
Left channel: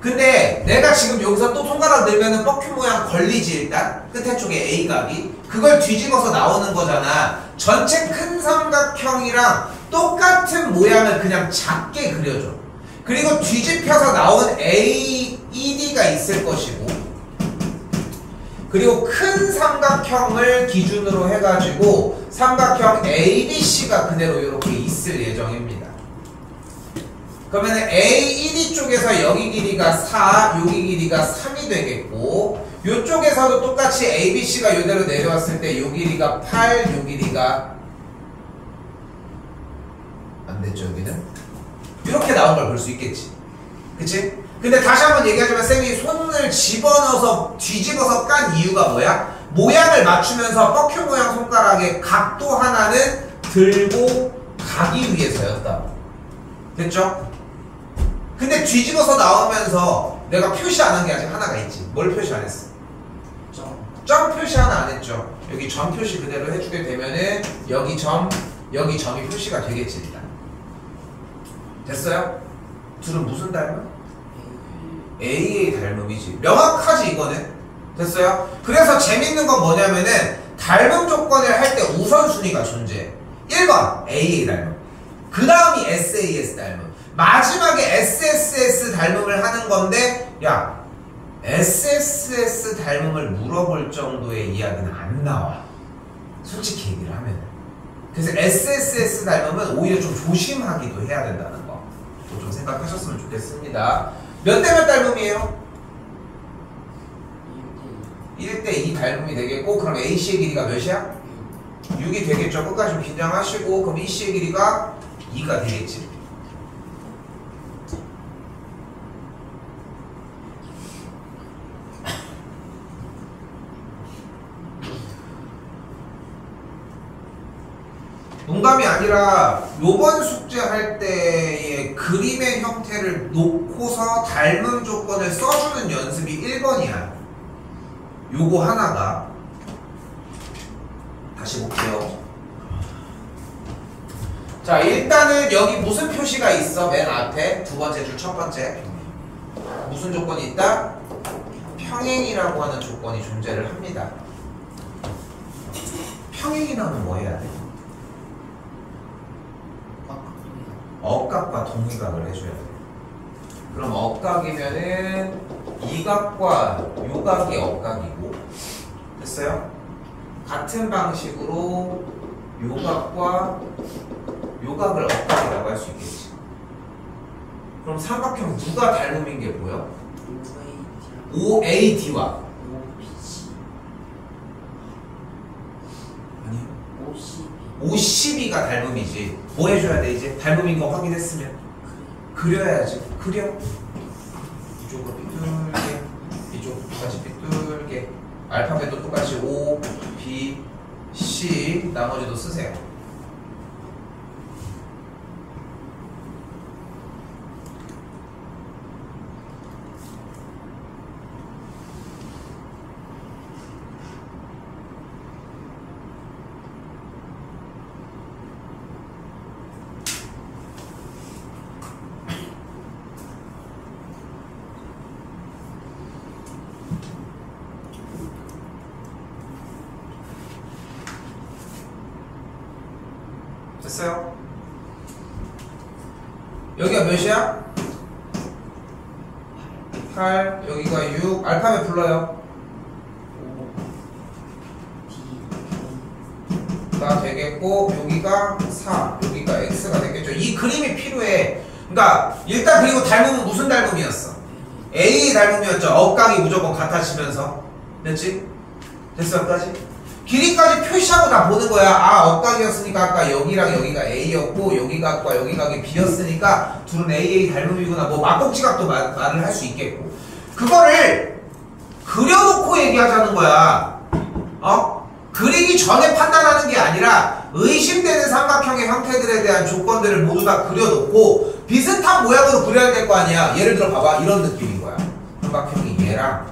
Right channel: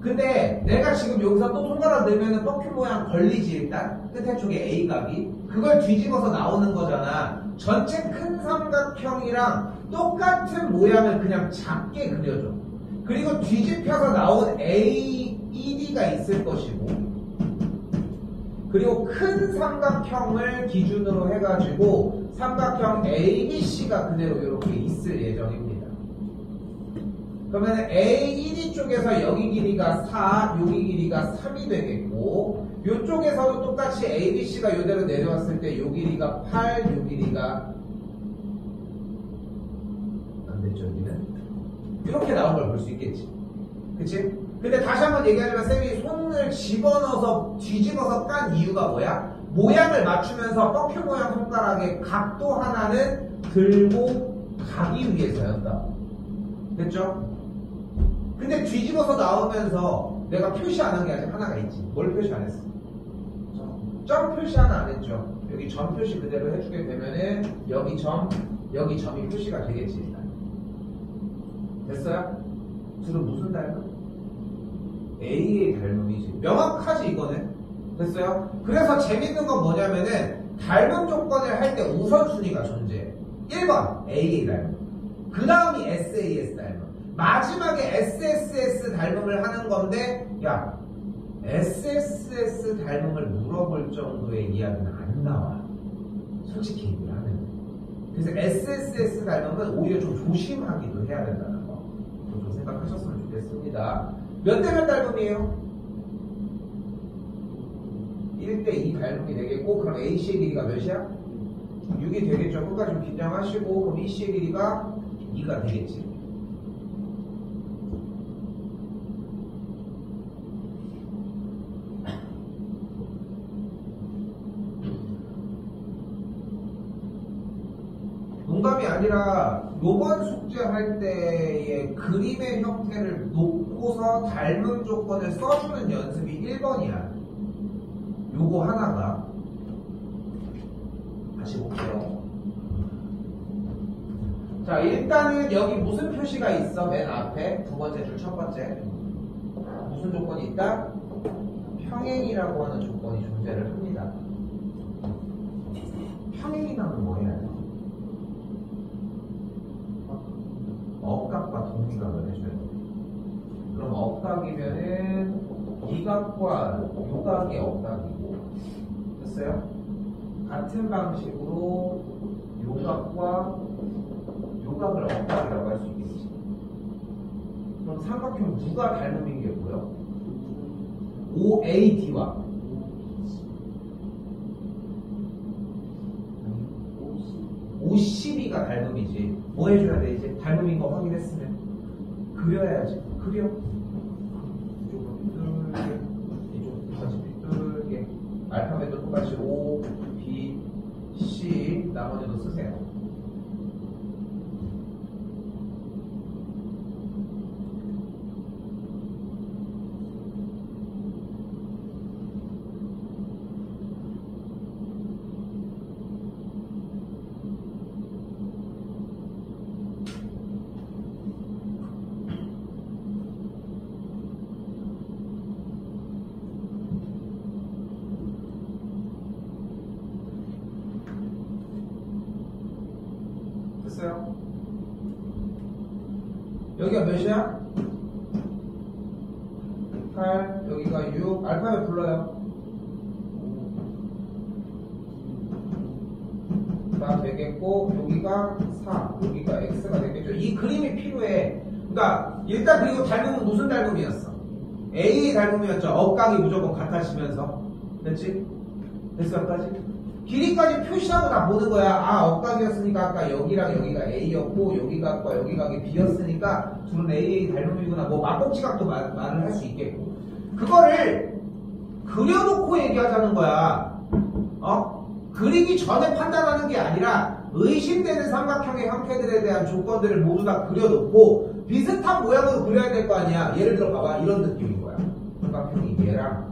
근데 내가 지금 여기서 또 손가락 넣으면은 뻑큐 모양 걸리지 일단 끝에 쪽에 A각이 그걸 뒤집어서 나오는 거잖아. 전체 큰 삼각형이랑 똑같은 모양을 그냥 작게 그려줘. 그리고 뒤집혀서 나온 AED가 있을 것이고 그리고 큰 삼각형을 기준으로 해가지고 삼각형 ABC가 그대로 이렇게 있을 예정입니다. 그러면 AED 쪽에서 여기 길이가 4, 여기 길이가 3이 되겠고 이쪽에서도 똑같이 ABC가 이대로 내려왔을 때 이 길이가 8, 이 길이가 안 됐죠 여기는? 이렇게 나온 걸 볼 수 있겠지. 그치? 근데 다시 한번 얘기하자면 쌤이 손을 집어넣어서 뒤집어서 깐 이유가 뭐야? 모양을 맞추면서 뻑큐 모양 손가락의 각도 하나는 들고 가기 위해서였다. 됐죠? 근데 뒤집어서 나오면서 내가 표시 안 한 게 아직 하나가 있지. 뭘 표시 안 했어? 점 표시 하나 안 했죠. 여기 점 표시 그대로 해주게 되면은 여기 점, 여기 점이 표시가 되겠지 일단. 됐어요? 둘은 무슨 닮음? AA 닮음이지. 명확하지 이거는? 됐어요? 그래서 재밌는 건 뭐냐면은 닮음 조건을 할 때 우선순위가 존재해. 1번 AA 닮음, 그 다음이 SAS 닮음, 마지막에 SSS 닮음을 하는 건데, 야 SSS 닮음을 물어볼 정도의 이야기는 안 나와, 솔직히 얘기를 하면은. 그래서 SSS 닮음은 오히려 좀 조심하기도 해야 된다는 거 좀 생각하셨으면 좋겠습니다. 몇 대 몇 닮음이에요? 1대2 닮음이 되겠고, 그럼 A씨의 길이가 몇이야? 6이 되겠죠. 끝까지 좀 긴장하시고, 그럼 E씨의 길이가 2가 되겠지. 농담이 아니라 요번 숙제 할 때의 그림의 형태를 놓고서 닮음 조건을 써주는 연습이 1번이야. 요거 하나가. 다시 볼게요. 자, 일단은 여기 무슨 표시가 있어? 맨 앞에 두 번째 줄 첫 번째 무슨 조건이 있다? 평행이라고 하는 조건이 존재를 합니다. 평행이라면 뭐 해야 돼? 억각과 동의각을 해줘야 돼. 그럼 억각이면은 이 각과 요 각이 억각이고, 됐어요? 같은 방식으로 요 각과 요 각을 억각이라고 할 수 있겠지. 그럼 삼각형 누가 닮음인 게 뭐야? OAD와 OCB가 닮음이지. 뭐 해줘야 돼 이제? 닮음인 거 확인했으면 그려야지. 그려. 이쪽으로 삐뚤게, 이쪽 똑같이 삐뚤게. 알파벳도 똑같이 O, B, C. 나머지도 쓰세요. 됐어요? 여기가 몇이야? 8, 여기가 6. 알파벳 불러요. 가 되겠고, 여기가 4, 여기가 X가 되겠죠. 이 그림이 필요해. 그러니까 일단, 그리고 닮음은 무슨 닮음이었어? A 닮음이었죠. 억각이 무조건 같아지면서. 됐지? 됐어까지? 길이까지 표시하고 다 보는 거야. 아, 억각이었으니까 아까 여기랑 여기가 A였고, 여기 각과 여기 각이 B였으니까 둘은 AA 닮음이구나. 뭐 막곡지각도 말을 할 수 있겠고. 그거를 그려놓고 얘기하자는 거야. 그리기 전에 판단하는 게 아니라 의심되는 삼각형의 형태들에 대한 조건들을 모두 다 그려놓고 비슷한 모양으로 그려야 될 거 아니야. 예를 들어 봐봐. 이런 느낌인 거야. 삼각형이 얘랑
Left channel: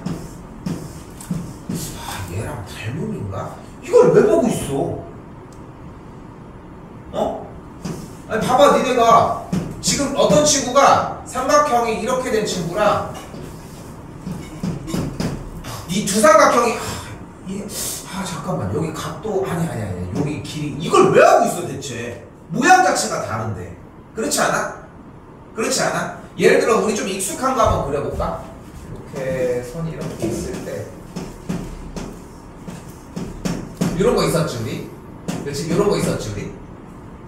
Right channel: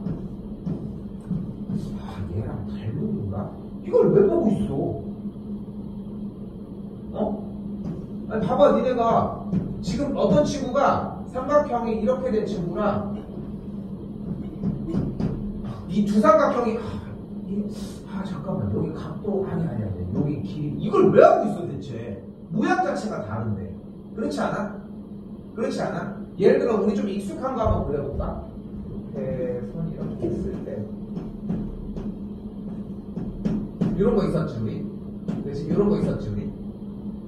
닮음인가? 이걸 왜 보고 있어? 아니 봐봐. 니네가 지금 어떤 친구가 삼각형이 이렇게 된 친구랑 이 두 삼각형이 잠깐만 여기 각도 아니 여기 길이 이걸 왜 하고 있어 대체? 모양 자체가 다른데. 그렇지 않아? 그렇지 않아? 예를 들어 우리 좀 익숙한 거 한번 그려볼까? 이렇게 선이 이렇게 있을 때 이런 거 있었지 우리? 그렇지? 이런 거 있었지 우리?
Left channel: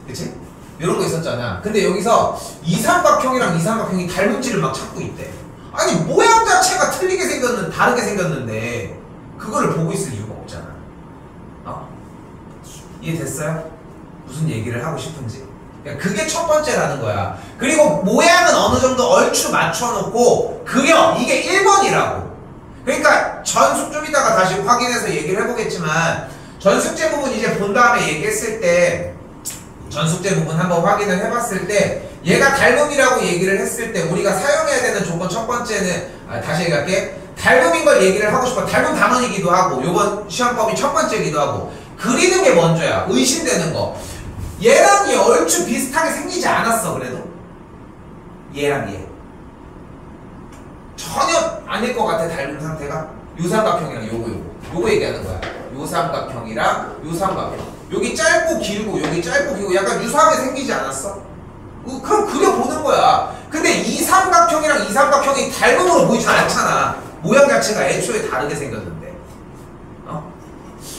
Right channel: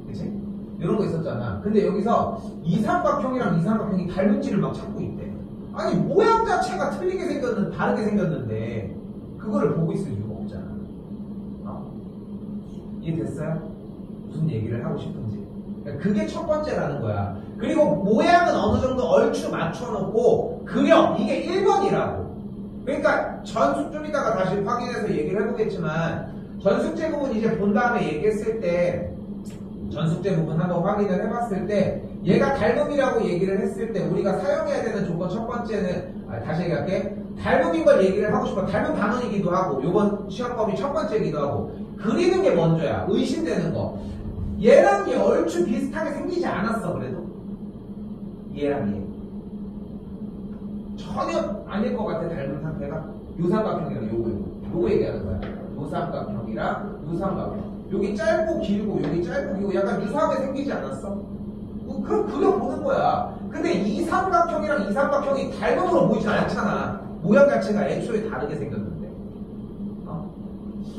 그렇지? 이런 거 있었잖아. 근데 여기서 이 삼각형이랑 이 삼각형이 닮은지를 막 찾고 있대. 아니 모양 자체가 다르게 생겼는데 그거를 보고 있을 이유가 없잖아. 이해됐어요? 무슨 얘기를 하고 싶은지. 그러니까 그게 첫 번째라는 거야. 그리고 모양은 어느 정도 얼추 맞춰놓고 그려. 이게 1번이라고. 그러니까 전숙 좀 이따가 다시 확인해서 얘기를 해보겠지만 전숙제 부분 이제 본 다음에 얘기했을 때 전숙제 부분 한번 확인을 해봤을 때 얘가 닮음이라고 얘기를 했을 때 우리가 사용해야 되는 조건 첫 번째는 다시 얘기할게. 닮음인 걸 얘기를 하고 싶어. 닮음 단원이기도 하고 요번 시험법이 첫 번째이기도 하고 그리는 게 먼저야. 의심되는 거. 얘랑 얘 얼추 비슷하게 생기지 않았어. 그래도 얘랑 얘 전혀 아닐 것 같아. 닮은 상태가. 요 삼각형이랑 요거 얘기하는 거야. 요 삼각형이랑 요 삼각형. 여기 짧고 길고 여기 짧고 길고 약간 유사하게 생기지 않았어? 그럼 그려보는 거야. 근데 이 삼각형이랑 이 삼각형이 닮음으로 보이진 않잖아. 모양 자체가 애초에 다르게 생겼는데.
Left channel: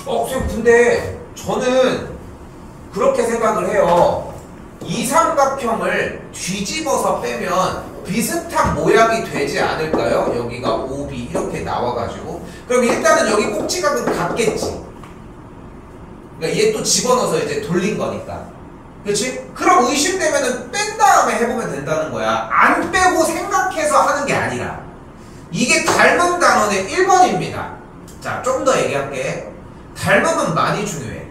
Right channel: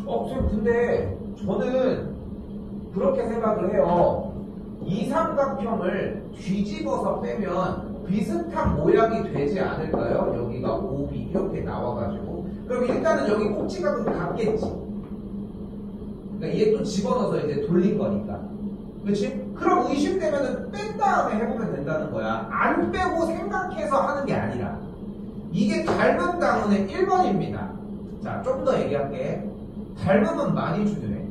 선생님 근데 저는 그렇게 생각을 해요. 이 삼각형을 뒤집어서 빼면 비슷한 모양이 되지 않을까요? 여기가 OB 이렇게 나와가지고 그럼 일단은 여기 꼭지각은 같겠지. 그러니까 얘 또 집어넣어서 이제 돌린 거니까. 그렇지? 그럼 의심되면은 뺀 다음에 해보면 된다는 거야. 안 빼고 생각해서 하는 게 아니라. 이게 닮은 단원의 1번입니다. 자, 좀 더 얘기할게. 닮음은 많이 중요해.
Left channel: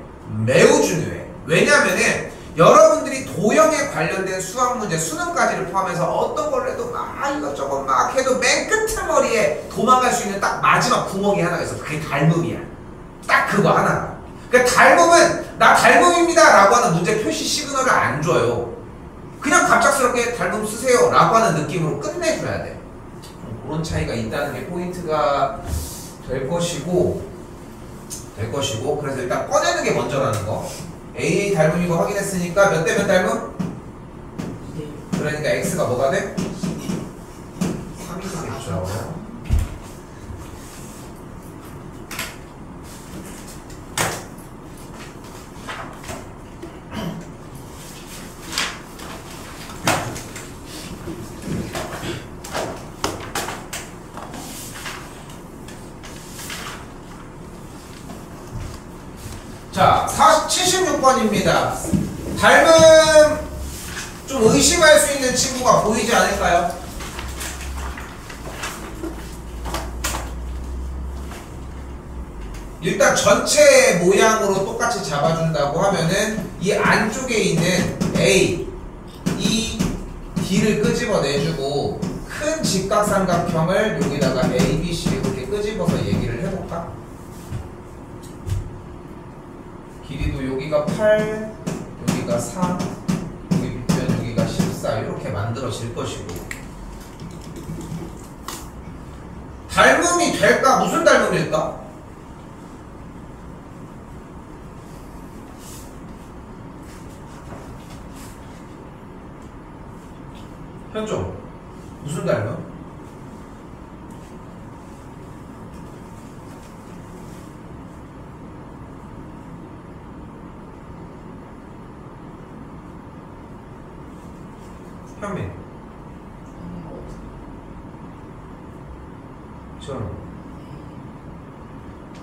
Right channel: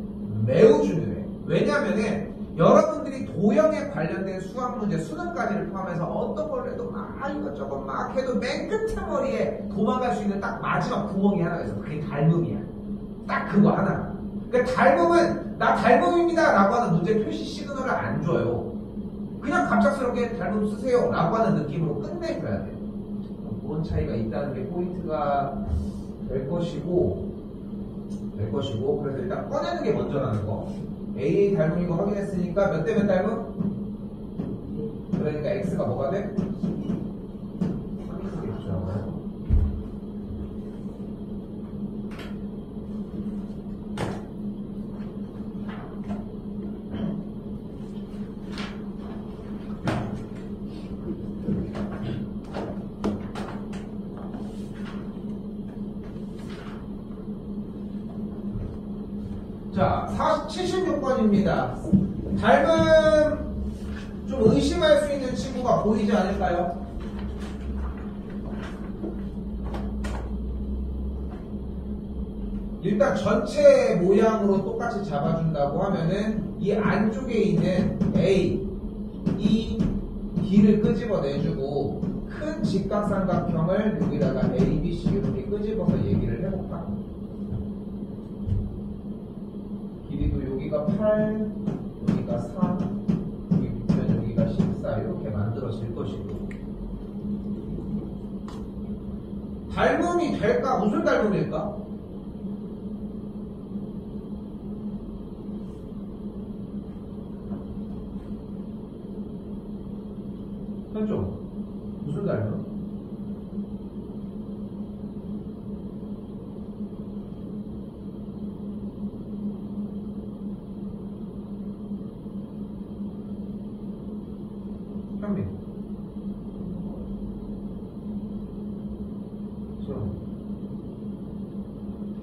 매우 중요해. 왜냐면은 여러분들이 도형에 관련된 수학 문제, 수능까지를 포함해서 어떤 걸 해도 막 이것저것 막 해도 맨 끝머리에 도망갈 수 있는 딱 마지막 구멍이 하나가 있어. 그게 닮음이야. 딱 그거 하나가. 그러니까 닮음은 나 닮음입니다 라고 하는 문제 표시 시그널을 안 줘요. 그냥 갑작스럽게 닮음 쓰세요 라고 하는 느낌으로 끝내줘야 돼. 그런 차이가 있다는 게 포인트가 될 것이고 그래서 일단 꺼내는 게 먼저라는 거. AA 닮음이고 확인했으니까 몇 대 몇 닮음? 그러니까 X가 뭐가 돼? 3이 되겠죠. 자, 76번입니다. 닮음 좀 의심할 수 있는 친구가 보이지 않을까요? 일단 전체 모양으로 똑같이 잡아준다고 하면은 이 안쪽에 있는 A, E, D를 끄집어내주고 큰 직각삼각형을 여기다가 A, B, C 이렇게 끄집어서 얘기를 해볼까? 길이도 여기가 8, 여기가 4, 여기 밑면 여기가 14 이렇게 만들어질 것이고 닮음이 될까? 무슨 닮음일까? 현종 무슨 닮음? 현민 저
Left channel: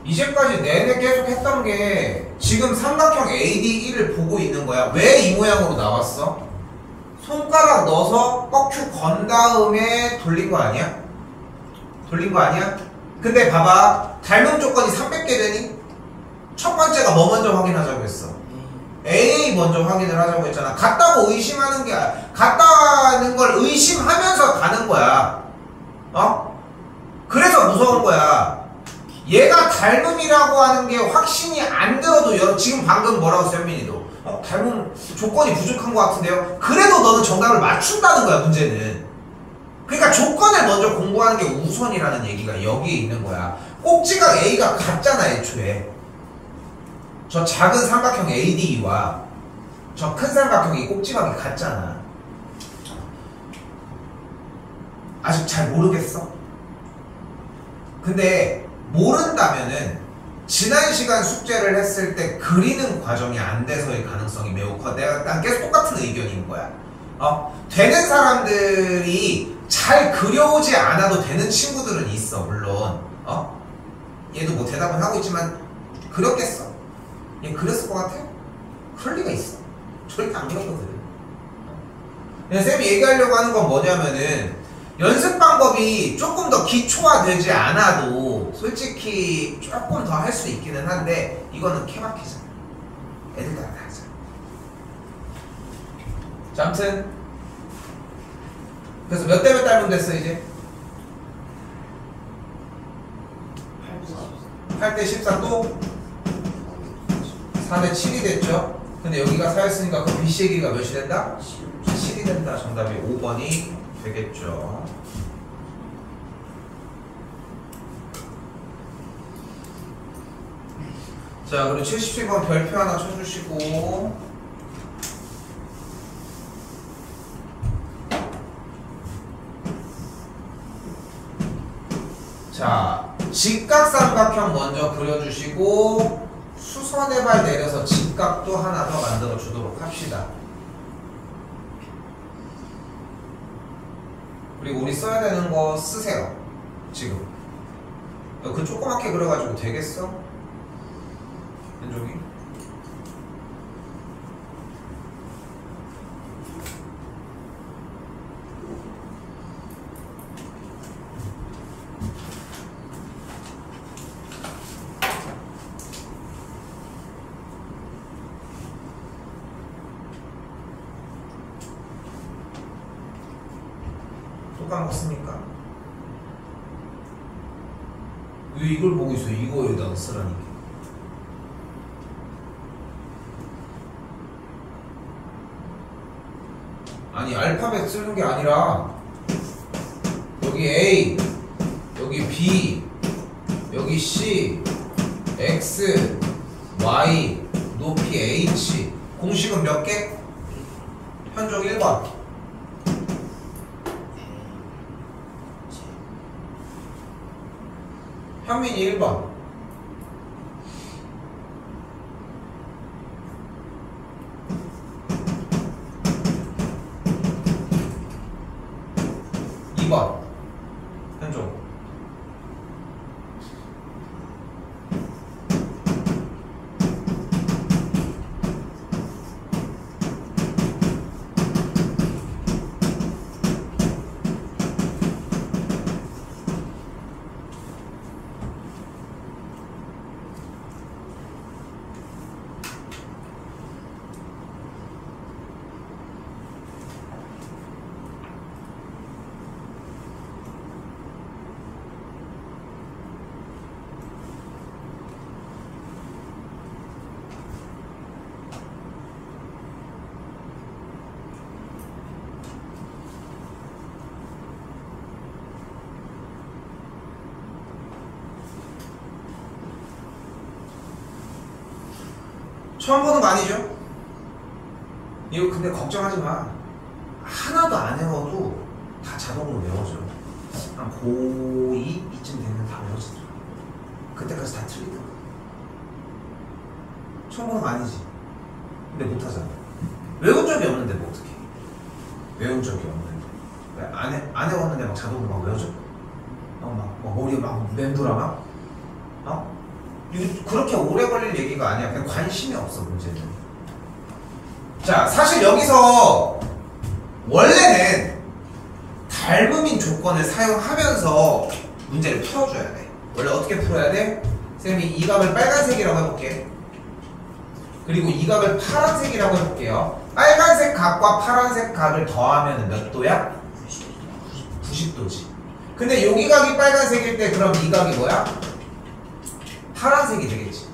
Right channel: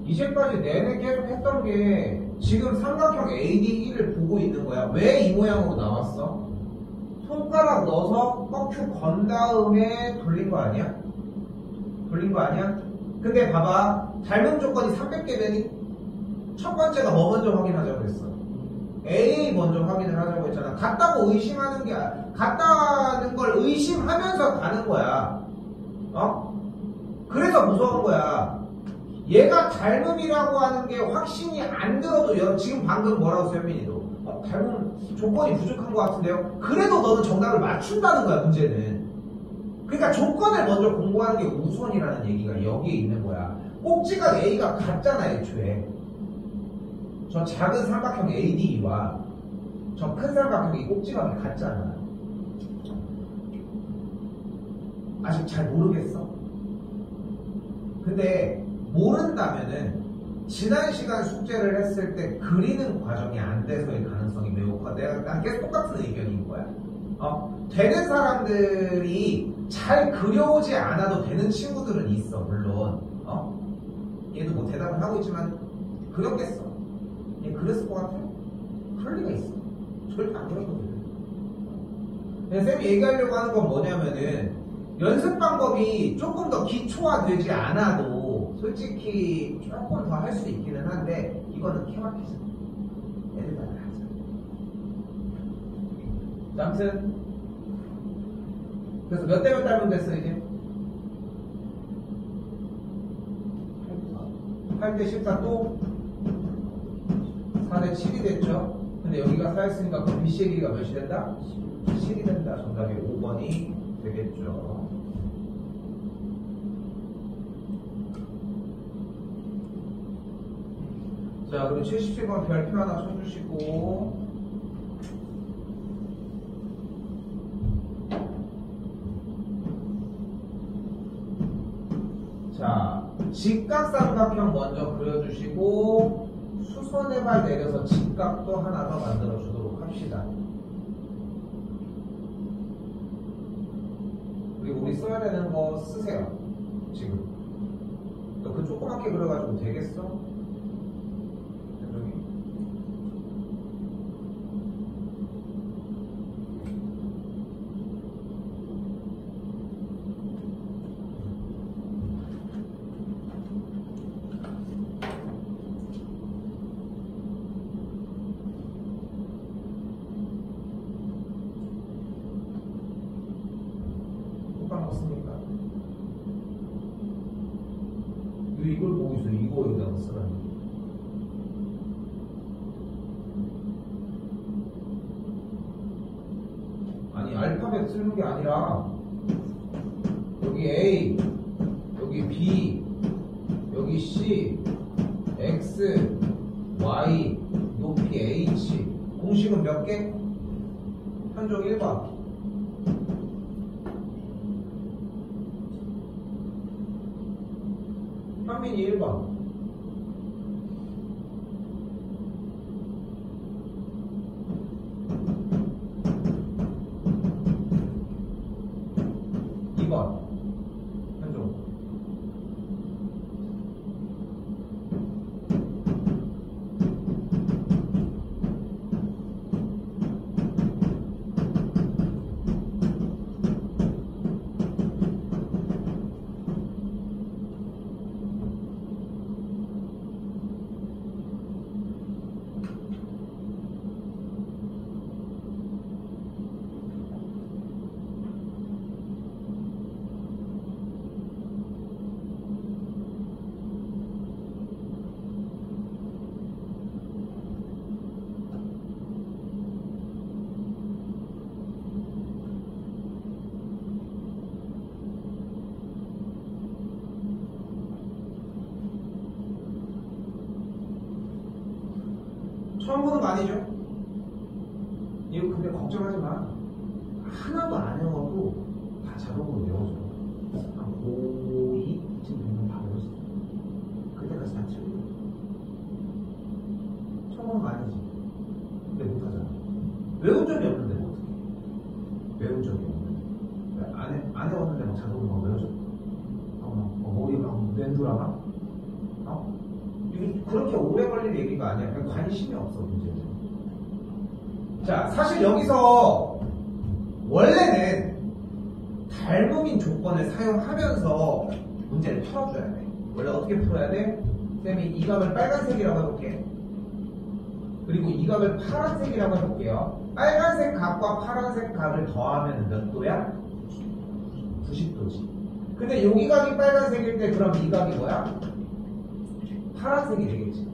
이제까지 내내 계속 했던 게 지금 삼각형 ADE를 보고 있는 거야. 왜 이 모양으로 나왔어? 손가락 넣어서 뻑큐 건 다음에 돌린 거 아니야? 돌린 거 아니야? 근데 봐봐 닮음 조건이 300개 되니? 첫 번째가 뭐 먼저 확인하자고 했어? A 먼저 확인을 하자고 했잖아. 같다고 의심하는 게 같다는 걸 의심하면서 가는 거야. 그래서 무서운 거야. 얘가 닮음이라고 하는 게 확신이 안 들어도 지금 방금 뭐라고 했어 현민이도 닮음 조건이 부족한 것 같은데요? 그래도 너는 정답을 맞춘다는 거야 문제는. 그러니까 조건을 먼저 공부하는 게 우선이라는 얘기가 여기에 있는 거야. 꼭지각 A가 같잖아 애초에. 저 작은 삼각형 ADE와 저 큰 삼각형이 꼭지각이 같잖아. 아직 잘 모르겠어? 근데 모른다면은 지난 시간 숙제를 했을 때 그리는 과정이 안 돼서의 가능성이 매우 커. 난 계속 똑같은 의견인 거야. 되는 사람들이 잘 그려오지 않아도 되는 친구들은 있어 물론. 얘도 뭐 대답은 하고 있지만 그렸겠어. 얘 그렸을 것 같아? 그럴 리가 있어. 절대 안 그렸거든. 쌤이 얘기하려고 하는 건 뭐냐면은 연습 방법이 조금 더 기초화되지 않아도 솔직히 조금 더 할 수 있기는 한데 이거는 케바케잖아. 애들 다 하잖아. 자, 아무튼 그래서 몇 대 몇 닮음 됐어 이제? 8대 14 또 4대 7이 됐죠? 근데 여기가 4였으니까 그 BC의 길이가 몇이 된다? 7이 된다. 정답이 5번이 되겠죠. 자, 그리고 77번 별표 하나 쳐주시고. 자, 직각삼각형 먼저 그려주시고 수선의 발 내려서 직각도 하나 더 만들어 주도록 합시다. 그리고 우리 써야 되는 거 쓰세요. 지금 그 조그맣게 그려가지고 되겠어? 왼쪽이? 또 까먹었습니까? 왜 이걸 보고 있어요? 이거 여기다가 쓰라니까. 아니 알파벳 쓰는 게 아니라 여기 A, 여기 B, 여기 C, X, Y, 높이 H. 공식은 몇 개? 현종 1번. 현민이 1번. 현종. 처음 보는 거 아니죠? 이거 근데 걱정하지 마. 하나도 안 외워도 다 자동으로 외워져요. 한 고2 이쯤 되면 다 외워지더라. 그때까지 다 틀리더라. 처음 보는 거 아니지? 근데 못하잖아. 외운 적이 없는데 뭐 어떡해. 외운 적이 없는데 안 외웠는데 막 자동으로 막 외워져. 막 머리에 막 맴돌아 막. 이거 그렇게 오래 걸릴 얘기가 아니야. 그냥 관심이 없어 문제는. 자, 사실 여기서 원래는 닮음인 조건을 사용하면서 문제를 풀어줘야 돼. 원래 어떻게 풀어야 돼? 쌤이 이 각을 빨간색이라고 해볼게. 그리고 이 각을 파란색이라고 해볼게요. 빨간색 각과 파란색 각을 더하면 몇 도야? 90도지. 근데 여기 각이 빨간색일 때 그럼 이 각이 뭐야? 파란색이 되겠지.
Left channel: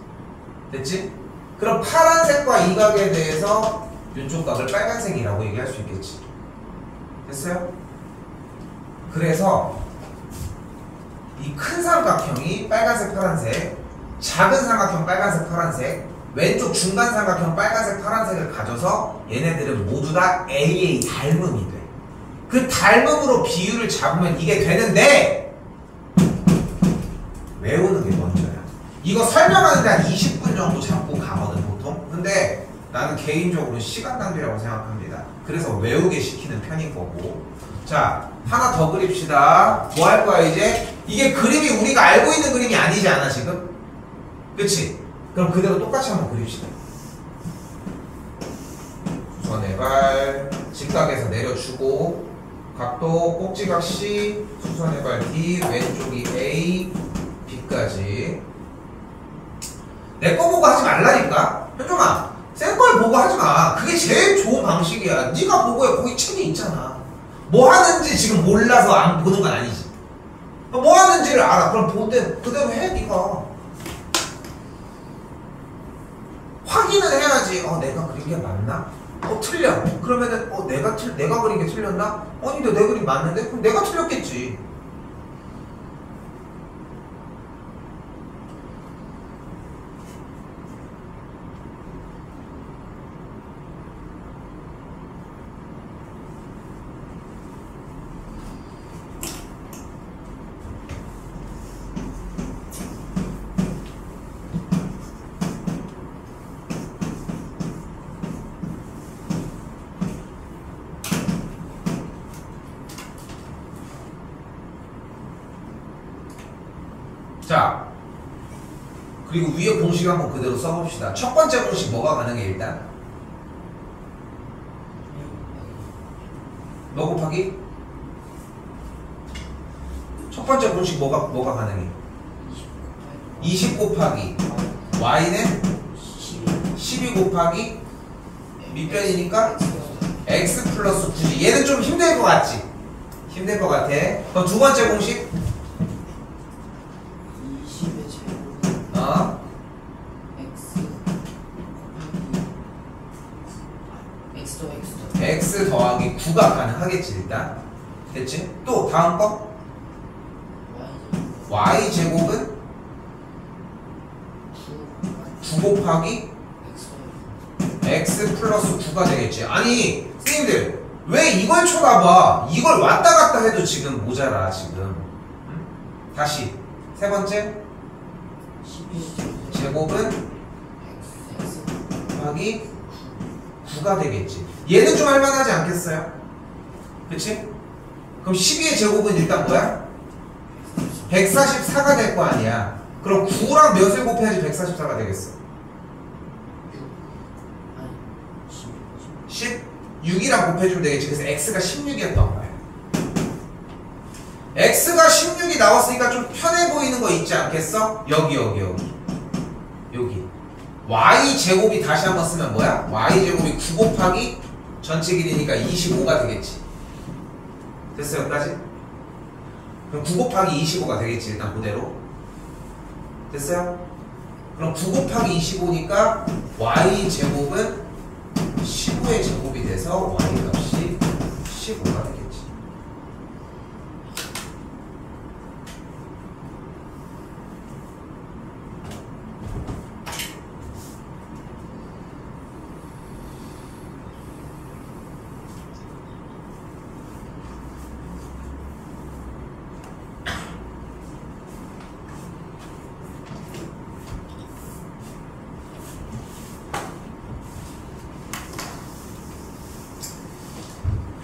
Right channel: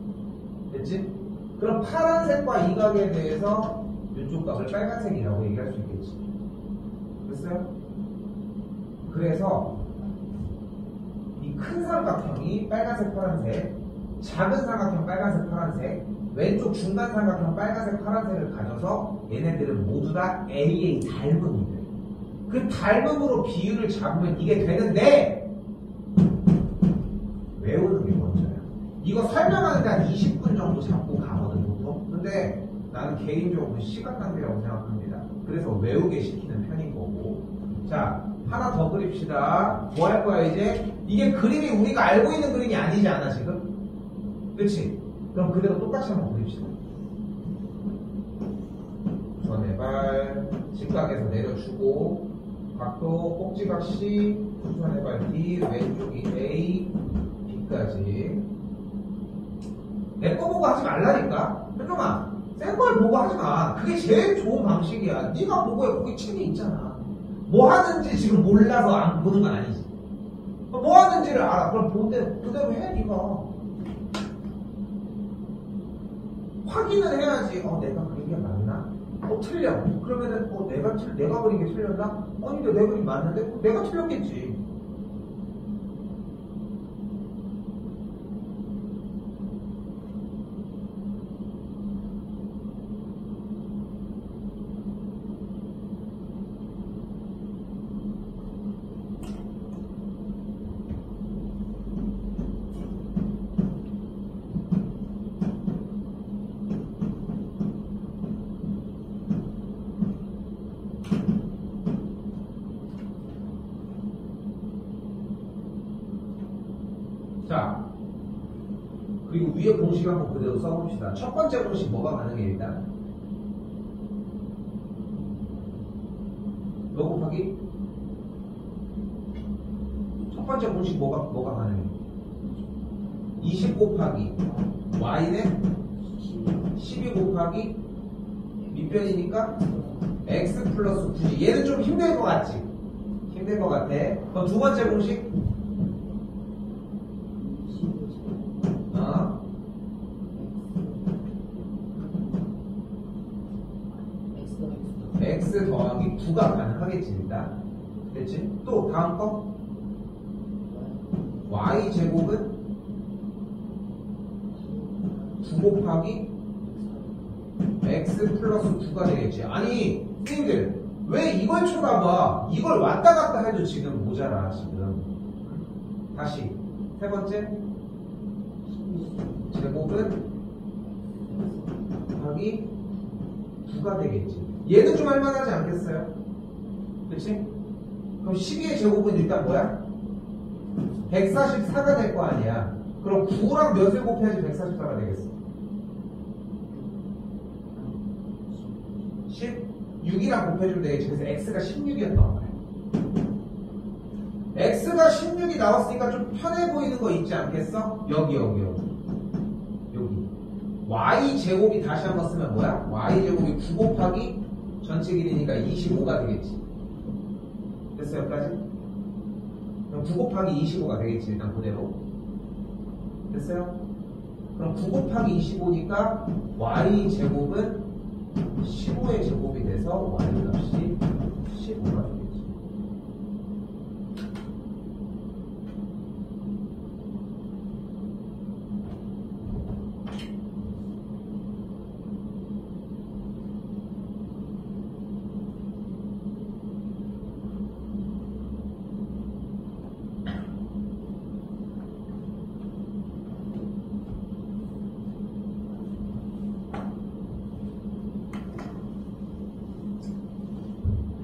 됐지? 그럼 파란색과 이 각에 대해서 이쪽 각을 빨간색이라고 얘기할 수 있겠지. 됐어요? 그래서 이 큰 삼각형이 빨간색 파란색, 작은 삼각형 빨간색 파란색, 왼쪽 중간 삼각형 빨간색 파란색을 가져서 얘네들은 모두 다 AA 닮음이 돼. 그 닮음으로 비율을 잡으면 이게 되는데 외우는 게 먼저야. 이거 설명하는데 한 20분 정도 잡고 가거든 보통. 근데 나는 개인적으로 시간 낭비라고 생각합니다. 그래서 외우게 시키는 편인 거고. 자, 하나 더 그립시다. 뭐 할 거야 이제? 이게 그림이 우리가 알고 있는 그림이 아니지 않아 지금? 그치? 그럼 그대로 똑같이 한번 그립시다. 수선의 발 직각에서 내려주고 각도 꼭지각 C, 수선의 발 D, 왼쪽이 A, B까지. 내 거 보고 하지 말라니까. 현종아, 쌤 걸 보고 하지 마. 그게 제일 좋은 방식이야. 네가 보고 해. 거기 책이 있잖아. 뭐 하는지 지금 몰라서 안 보는 건 아니지. 뭐 하는지를 알아. 그럼 그대로 해 네가. 확인을 해야지. 내가 그린 게 맞나? 틀려. 그러면은 내가 그린 게 틀렸나? 아닌데 내 그림 맞는데? 그럼 내가 틀렸겠지. 자, 그리고 위에 공식 한번 그대로 써봅시다. 첫 번째 공식 뭐가 가능해 일단? 뭐 곱하기? 첫 번째 공식 뭐가 가능해? 20 곱하기 y는 12 곱하기 밑변이니까 x 플러스 9지. 얘는 좀 힘들 것 같지? 힘들 것 같아. 그럼 두 번째 공식? 20의 제곱은 x 더하기 9가 가능하겠지 일단. 됐지? 또 다음 거? y 제곱은 9 곱하기 x 플러스 9가 되겠지. 아니 선생님들 왜 이걸 쳐다봐? 이걸 왔다 갔다 해도 지금 모자라 지금. 응? 다시 세 번째 12의 제곱은 x 곱하기 9가 되겠지. 얘는 좀 할만하지 않겠어요? 그치? 그럼 12의 제곱은 일단 뭐야? 144가 될 거 아니야. 그럼 9랑 몇을 곱해야지 144가 되겠어? 16이랑 곱해주면 되겠지. 그래서 x가 16이었던 거야. x가 16이 나왔으니까 좀 편해 보이는 거 있지 않겠어? 여기 y 제곱이 다시 한번 쓰면 뭐야? y 제곱이 9 곱하기 전체 길이니까 25가 되겠지. 됐어 여기까지? 그럼 9 곱하기 25가 되겠지 일단 그대로. 됐어요? 그럼 9 곱하기 25니까 y 제곱은 15의 제곱이 돼서 y 값이 15가 되겠지.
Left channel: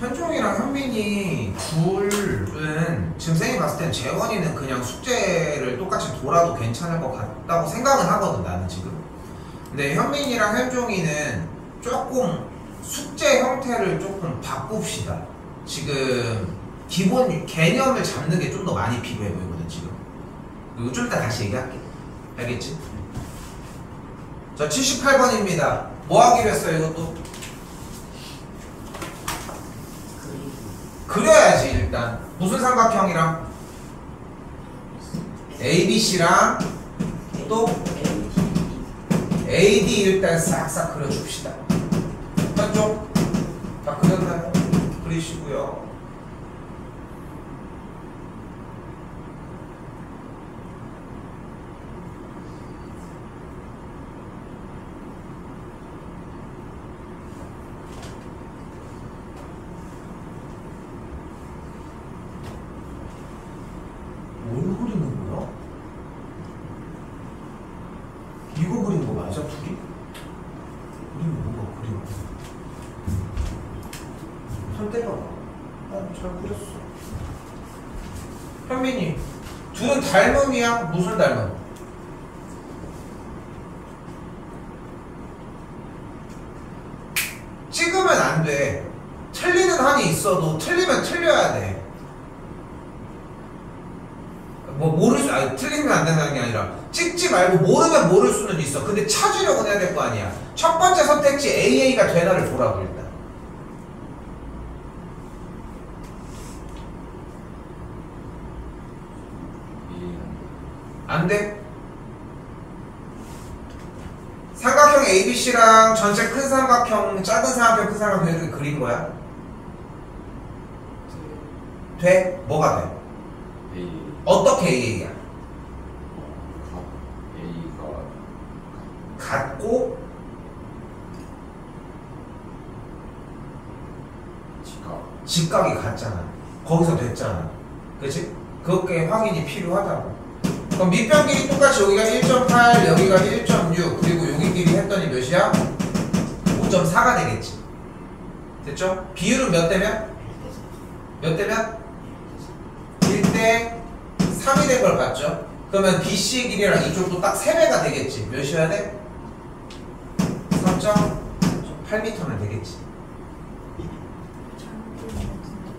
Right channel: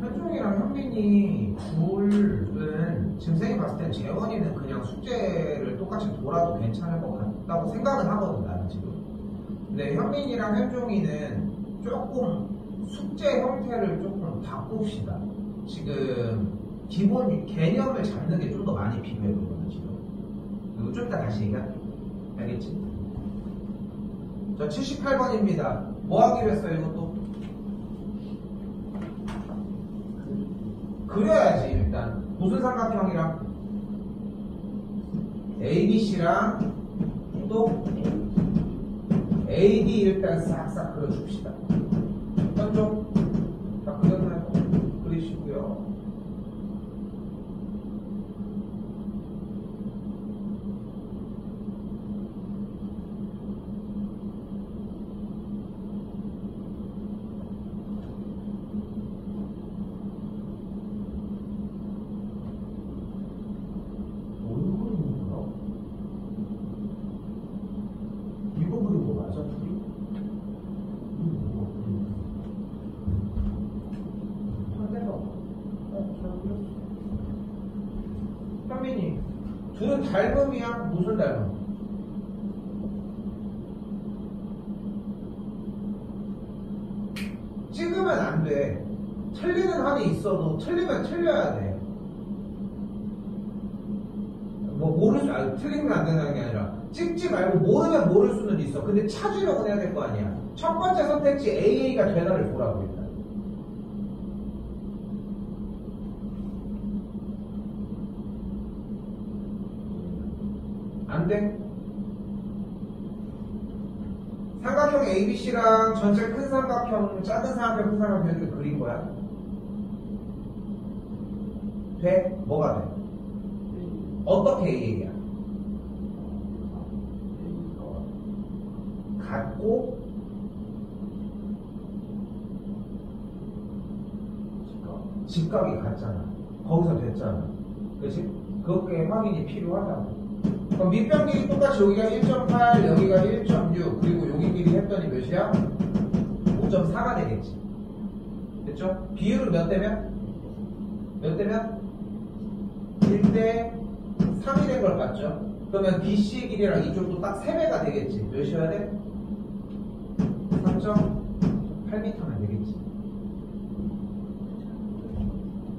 현종이랑 현민이 둘은 지금 쌤이 봤을 땐 재원이는 그냥 숙제를 똑같이 돌아도 괜찮을 것 같다고 생각은 하거든 나는 지금. 근데 현민이랑 현종이는 조금 숙제 형태를 조금 바꿉시다. 지금 기본 개념을 잡는 게 좀 더 많이 필요해 보이거든 지금. 이거 좀 이따 다시 얘기할게. 알겠지? 자 78번입니다 뭐 하기로 했어요 이것도? 그려야지 일단. 무슨 삼각형이랑? ABC랑 또 AD 일단 싹싹 그려줍시다. 한쪽 다 그렸나요? 그리시고요. 뭘 그리는 거야? 이거 그린 거 맞아 둘이? 그리는 뭐가 그리는 거? 한대가 잘 그렸어. 현민이 둘은 닮음이야? 무슨 닮음? 찍으면 안 돼. 틀리는 한이 있어도 틀리면 틀려야 돼. 뭐 모를 수 아니 틀리면 안 된다는 게 아니라 찍지 말고 모르면 모를 수는 있어. 근데 찾으려고 해야 될 거 아니야. 첫 번째 선택지 AA가 되나를 보라고 일단. 안 돼? 삼각형 ABC랑 전체 큰 삼각형, 작은 삼각형, 큰 삼각형 이렇게 그린 거야? 돼? 뭐가 돼? 어떻게 AA야? 같고 직각이 같잖아. 거기서 됐잖아. 그치? 그게 확인이 필요하다고. 그럼 밑변 길이 똑같이 여기가 1.8 여기가 1.6 그리고 여기 길이 했더니 몇이야? 5.4가 되겠지. 됐죠? 비율은 몇 대면? 몇 대면? 1대 3이 된 걸 봤죠? 그러면 BC의 길이랑 이쪽도 딱 3배가 되겠지. 몇이어야 돼? 3.8m면 되겠지.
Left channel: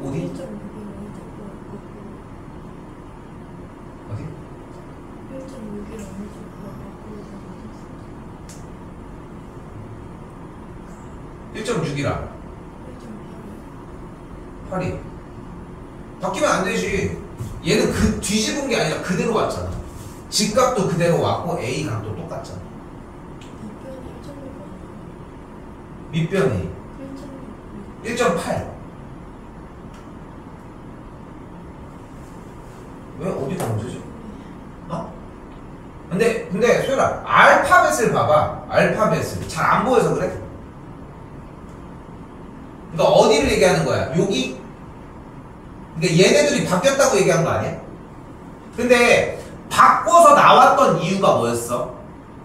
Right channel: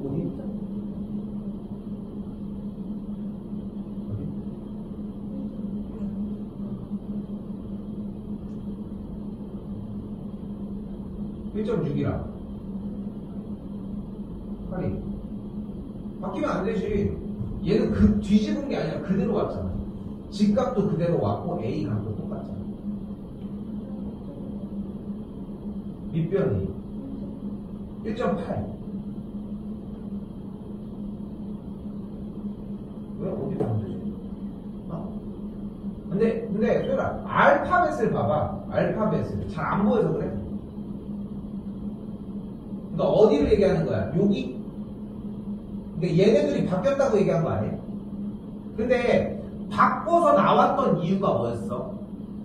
어디? 어디? 1.6이라 8이 바뀌면 안 되지. 얘는 그 뒤집은 게 아니라 그대로 왔잖아. 직각도 그대로 왔고 A 각도 똑같잖아. 밑변이 1.8. 왜 어디가 문제지? 어? 근데 소율아, 알파벳을 봐봐. 알파벳을 잘 안 보여서 그래. 그러니까 어디를 얘기하는 거야? 여기? 그러니까 얘네들이 바뀌었다고 얘기한 거 아니야? 근데 바꿔서 나왔던 이유가 뭐였어?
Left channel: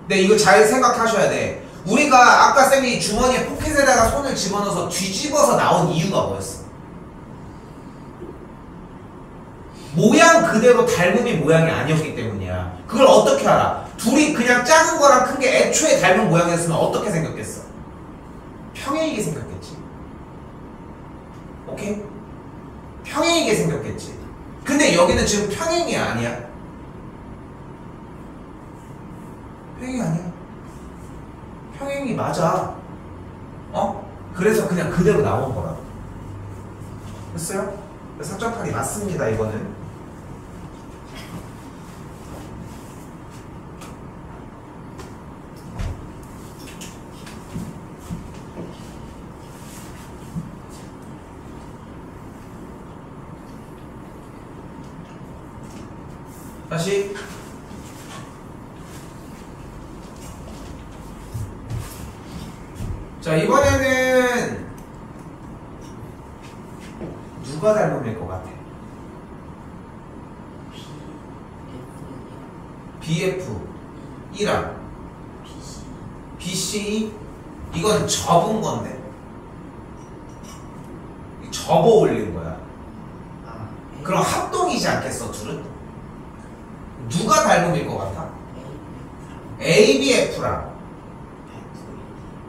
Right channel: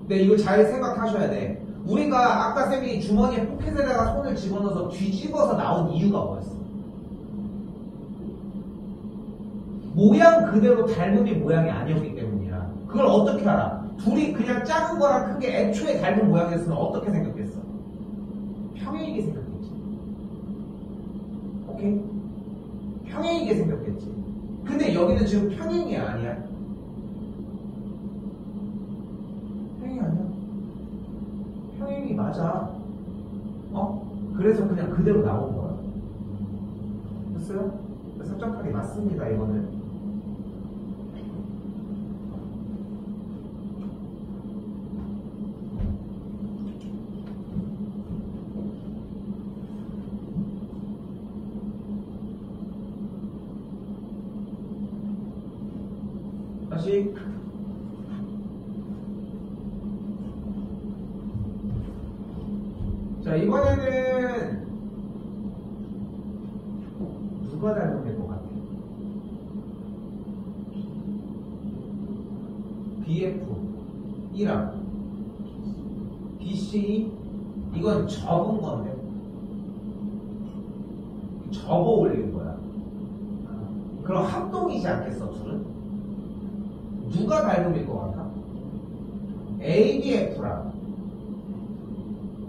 근데 이거 잘 생각하셔야 돼. 우리가 아까 쌤이 주머니에 포켓에다가 손을 집어넣어서 뒤집어서 나온 이유가 뭐였어? 모양 그대로 닮음이 모양이 아니었기 때문이야. 그걸 어떻게 알아? 둘이 그냥 작은 거랑 큰 게 애초에 닮은 모양이었으면 어떻게 생겼겠어? 평행이게 생겼겠지. 오케이? 평행이게 생겼겠지. 근데 여기는 지금 평행이 아니야. 평행이 아니야. 평행이 맞아. 어? 그래서 그냥 그대로 나온 거라고. 됐어요? 4.8이 맞습니다, 이거는. 다시 자, 이번에는 누가 닮음일 것 같아? BF 1랑 BC 이건 접은 건데 접어 올린 거야. 그럼 합동이지 않겠어, 둘은? 누가 닮음일 것 같아? ABF랑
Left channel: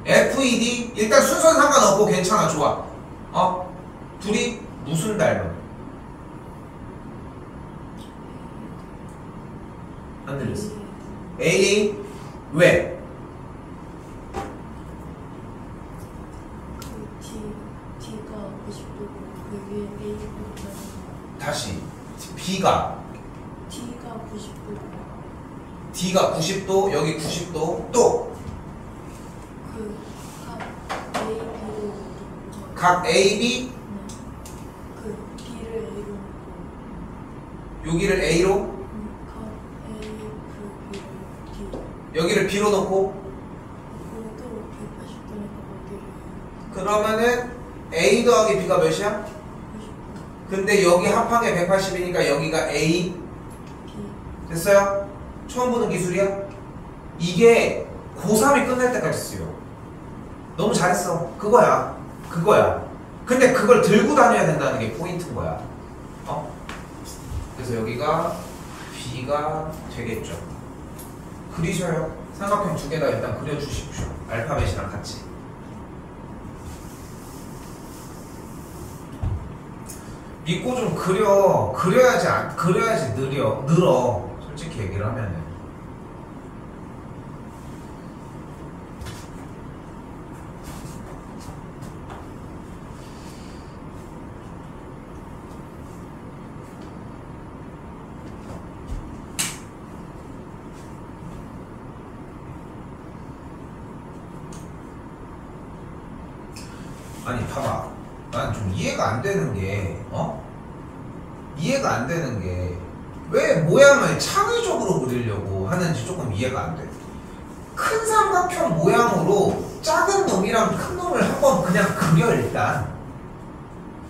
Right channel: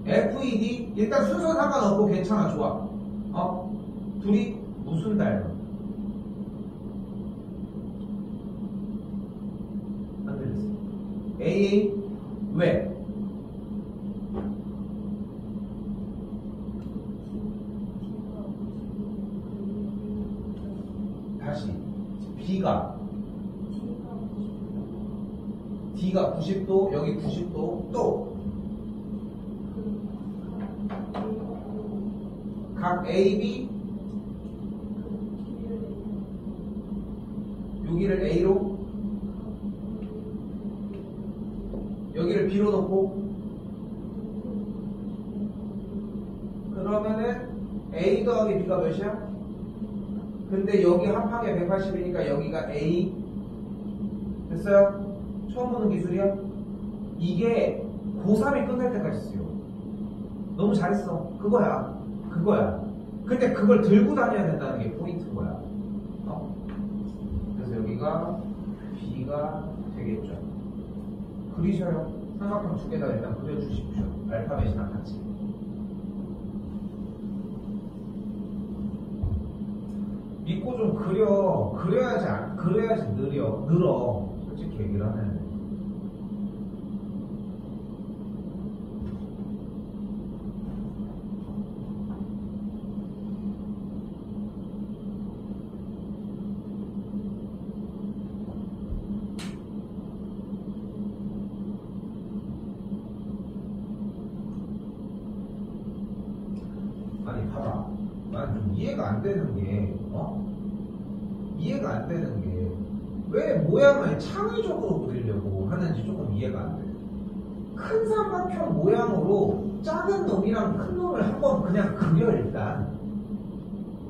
FED 일단 순서는 상관없고 괜찮아, 좋아. 어? 둘이 무슨 닮음? 안 들렸어. AA 왜? D가 90도고 그 위에 A가 다시 B가 D가 90도 D가 90도 여기 90도 또 각 AB 그 B를 A로 놓고 여기를 A로 각 A 그 B를 D 여기를 B로 놓고 그것도 180도니까 거기를 그러면은 A 더하기 B가 몇이야? 90도 근데 여기 합항에 180이니까 여기가 A B 됐어요? 처음 보는 기술이야? 이게 고3이 끝날 때까지 쓰여. 너무 잘했어. 그거야. 근데 그걸 들고 다녀야 된다는 게 포인트인 거야. 어? 그래서 여기가 B가 되겠죠. 그리셔요. 삼각형 두 개 다 일단 그려주십시오. 알파벳이랑 같이. 믿고 좀 그려야지 늘어. 솔직히 얘기를 하면은. 아니 봐봐, 난 좀 이해가 안 되는 게 이해가 안 되는 게 왜 모양을 창의적으로 그리려고 하는지 조금 이해가 안 돼. 큰 삼각형 모양으로 작은 놈이랑 큰 놈을 한번 그냥 그려 일단.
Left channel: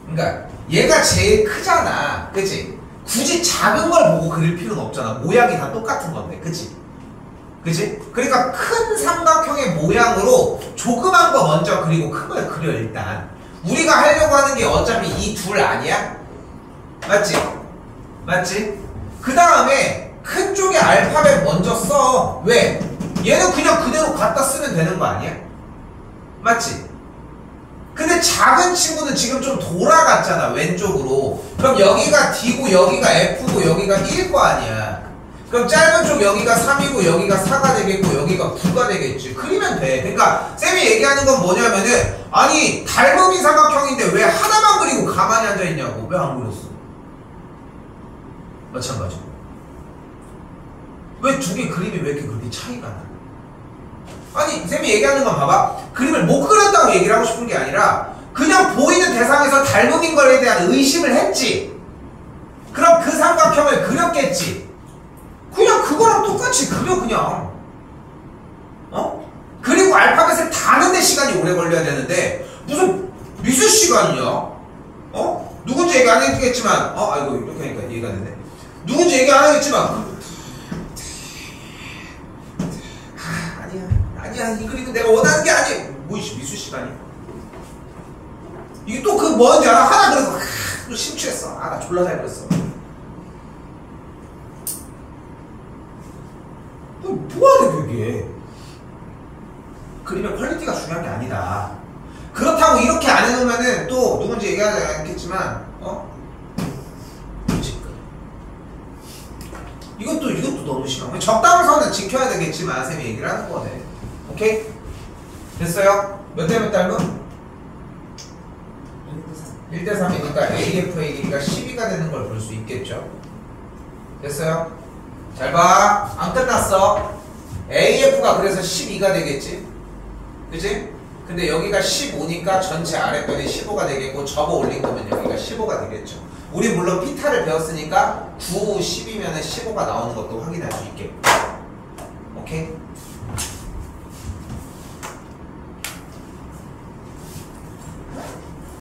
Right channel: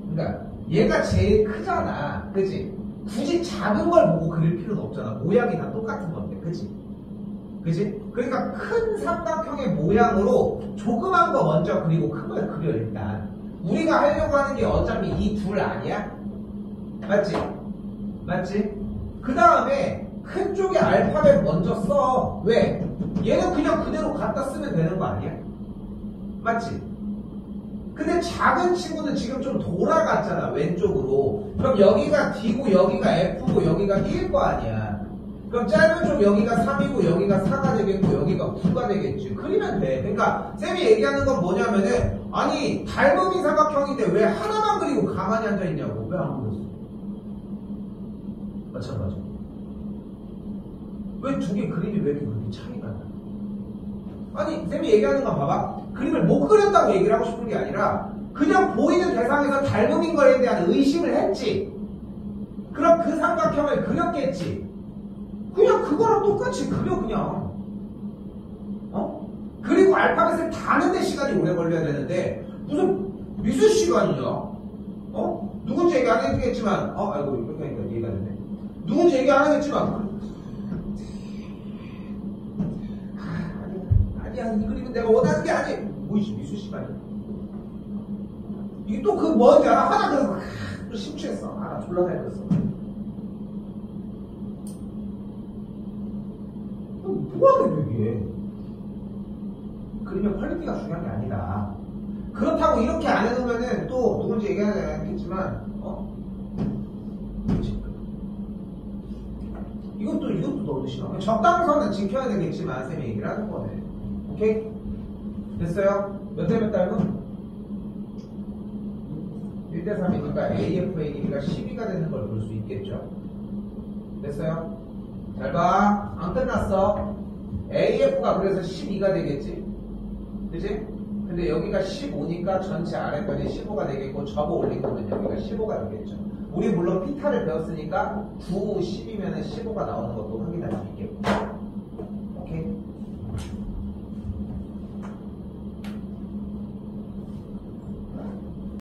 그러니까 얘가 제일 크잖아, 그치? 굳이 작은 걸 보고 그릴 필요는 없잖아. 모양이 다 똑같은 건데, 그치? 그러니까 큰 삼각형의 모양으로 조그만 거 먼저 그리고 큰 걸 그려 일단. 우리가 하려고 하는 게 어차피 이 둘 아니야? 맞지? 그 다음에 큰 쪽에 왜? 얘는 그냥 그대로 갖다 쓰면 되는 거 아니야? 맞지? 근데 작은 친구는 지금 좀 돌아갔잖아, 왼쪽으로. 그럼 여기가 D고 여기가 F고 여기가 1일 거 아니야. 그럼 짧은 쪽 여기가 3이고 여기가 4가 되겠고 여기가 9가 되겠지. 그리면 돼. 그러니까 쌤이 얘기하는 건 뭐냐면은, 아니 닮음이 삼각형인데 왜 하나만 그리고 가만히 앉아있냐고. 왜 안 그렸어? 마찬가지. 왜 두 개 그림이 왜 이렇게 그렇게 차이가 나? 아니 쌤이 얘기하는 건 봐봐. 그림을 못 그렸다고 얘기를 하고 싶은 게 아니라 그냥 보이는 대상에서 닮음인 거에 대한 의심을 했지. 그럼 그 삼각형을 그렸겠지. 그냥 그거랑 똑같이 그려 그냥. 어? 그리고 알파벳을 다 아는데 시간이 오래 걸려야 되는데 무슨 미술 시간이냐? 어? 누군지 얘기 안 했겠지만 아이고 이렇게 하니까 이해가 되네. 누군지 얘기 안 하겠지만 아니야 이 그림은 내가 원하는 게 아니야. 뭐 미술 시간이야? 이게 또 그 뭔지 알아? 하나 그래서 또 심취했어. 나 졸라 잘 그렸어. 뭐하래 그게? 그림의 퀄리티가 중요한 게 아니다. 그렇다고 이렇게 안 해놓으면은 또 누군지 얘기하지 않겠지만 이것도 너무 심한. 적당선은 지켜야 되겠지만 쌤이 얘기를 하는 거네. 오케이? 됐어요? 몇 대 몇 닮음? 1대3이니까 AF의 길이가 12가 되는 걸 볼 수 있겠죠? 됐어요? 잘 봐. 안 끝났어. AF가 그래서 12가 되겠지? 그치? 근데 여기가 15니까 전체 아랫변이 15가 되겠고 접어 올린 거면 여기가 15가 되겠죠. 우리 물론 피타를 배웠으니까 9, 10이면 15가 나오는 것도 확인할 수 있겠고.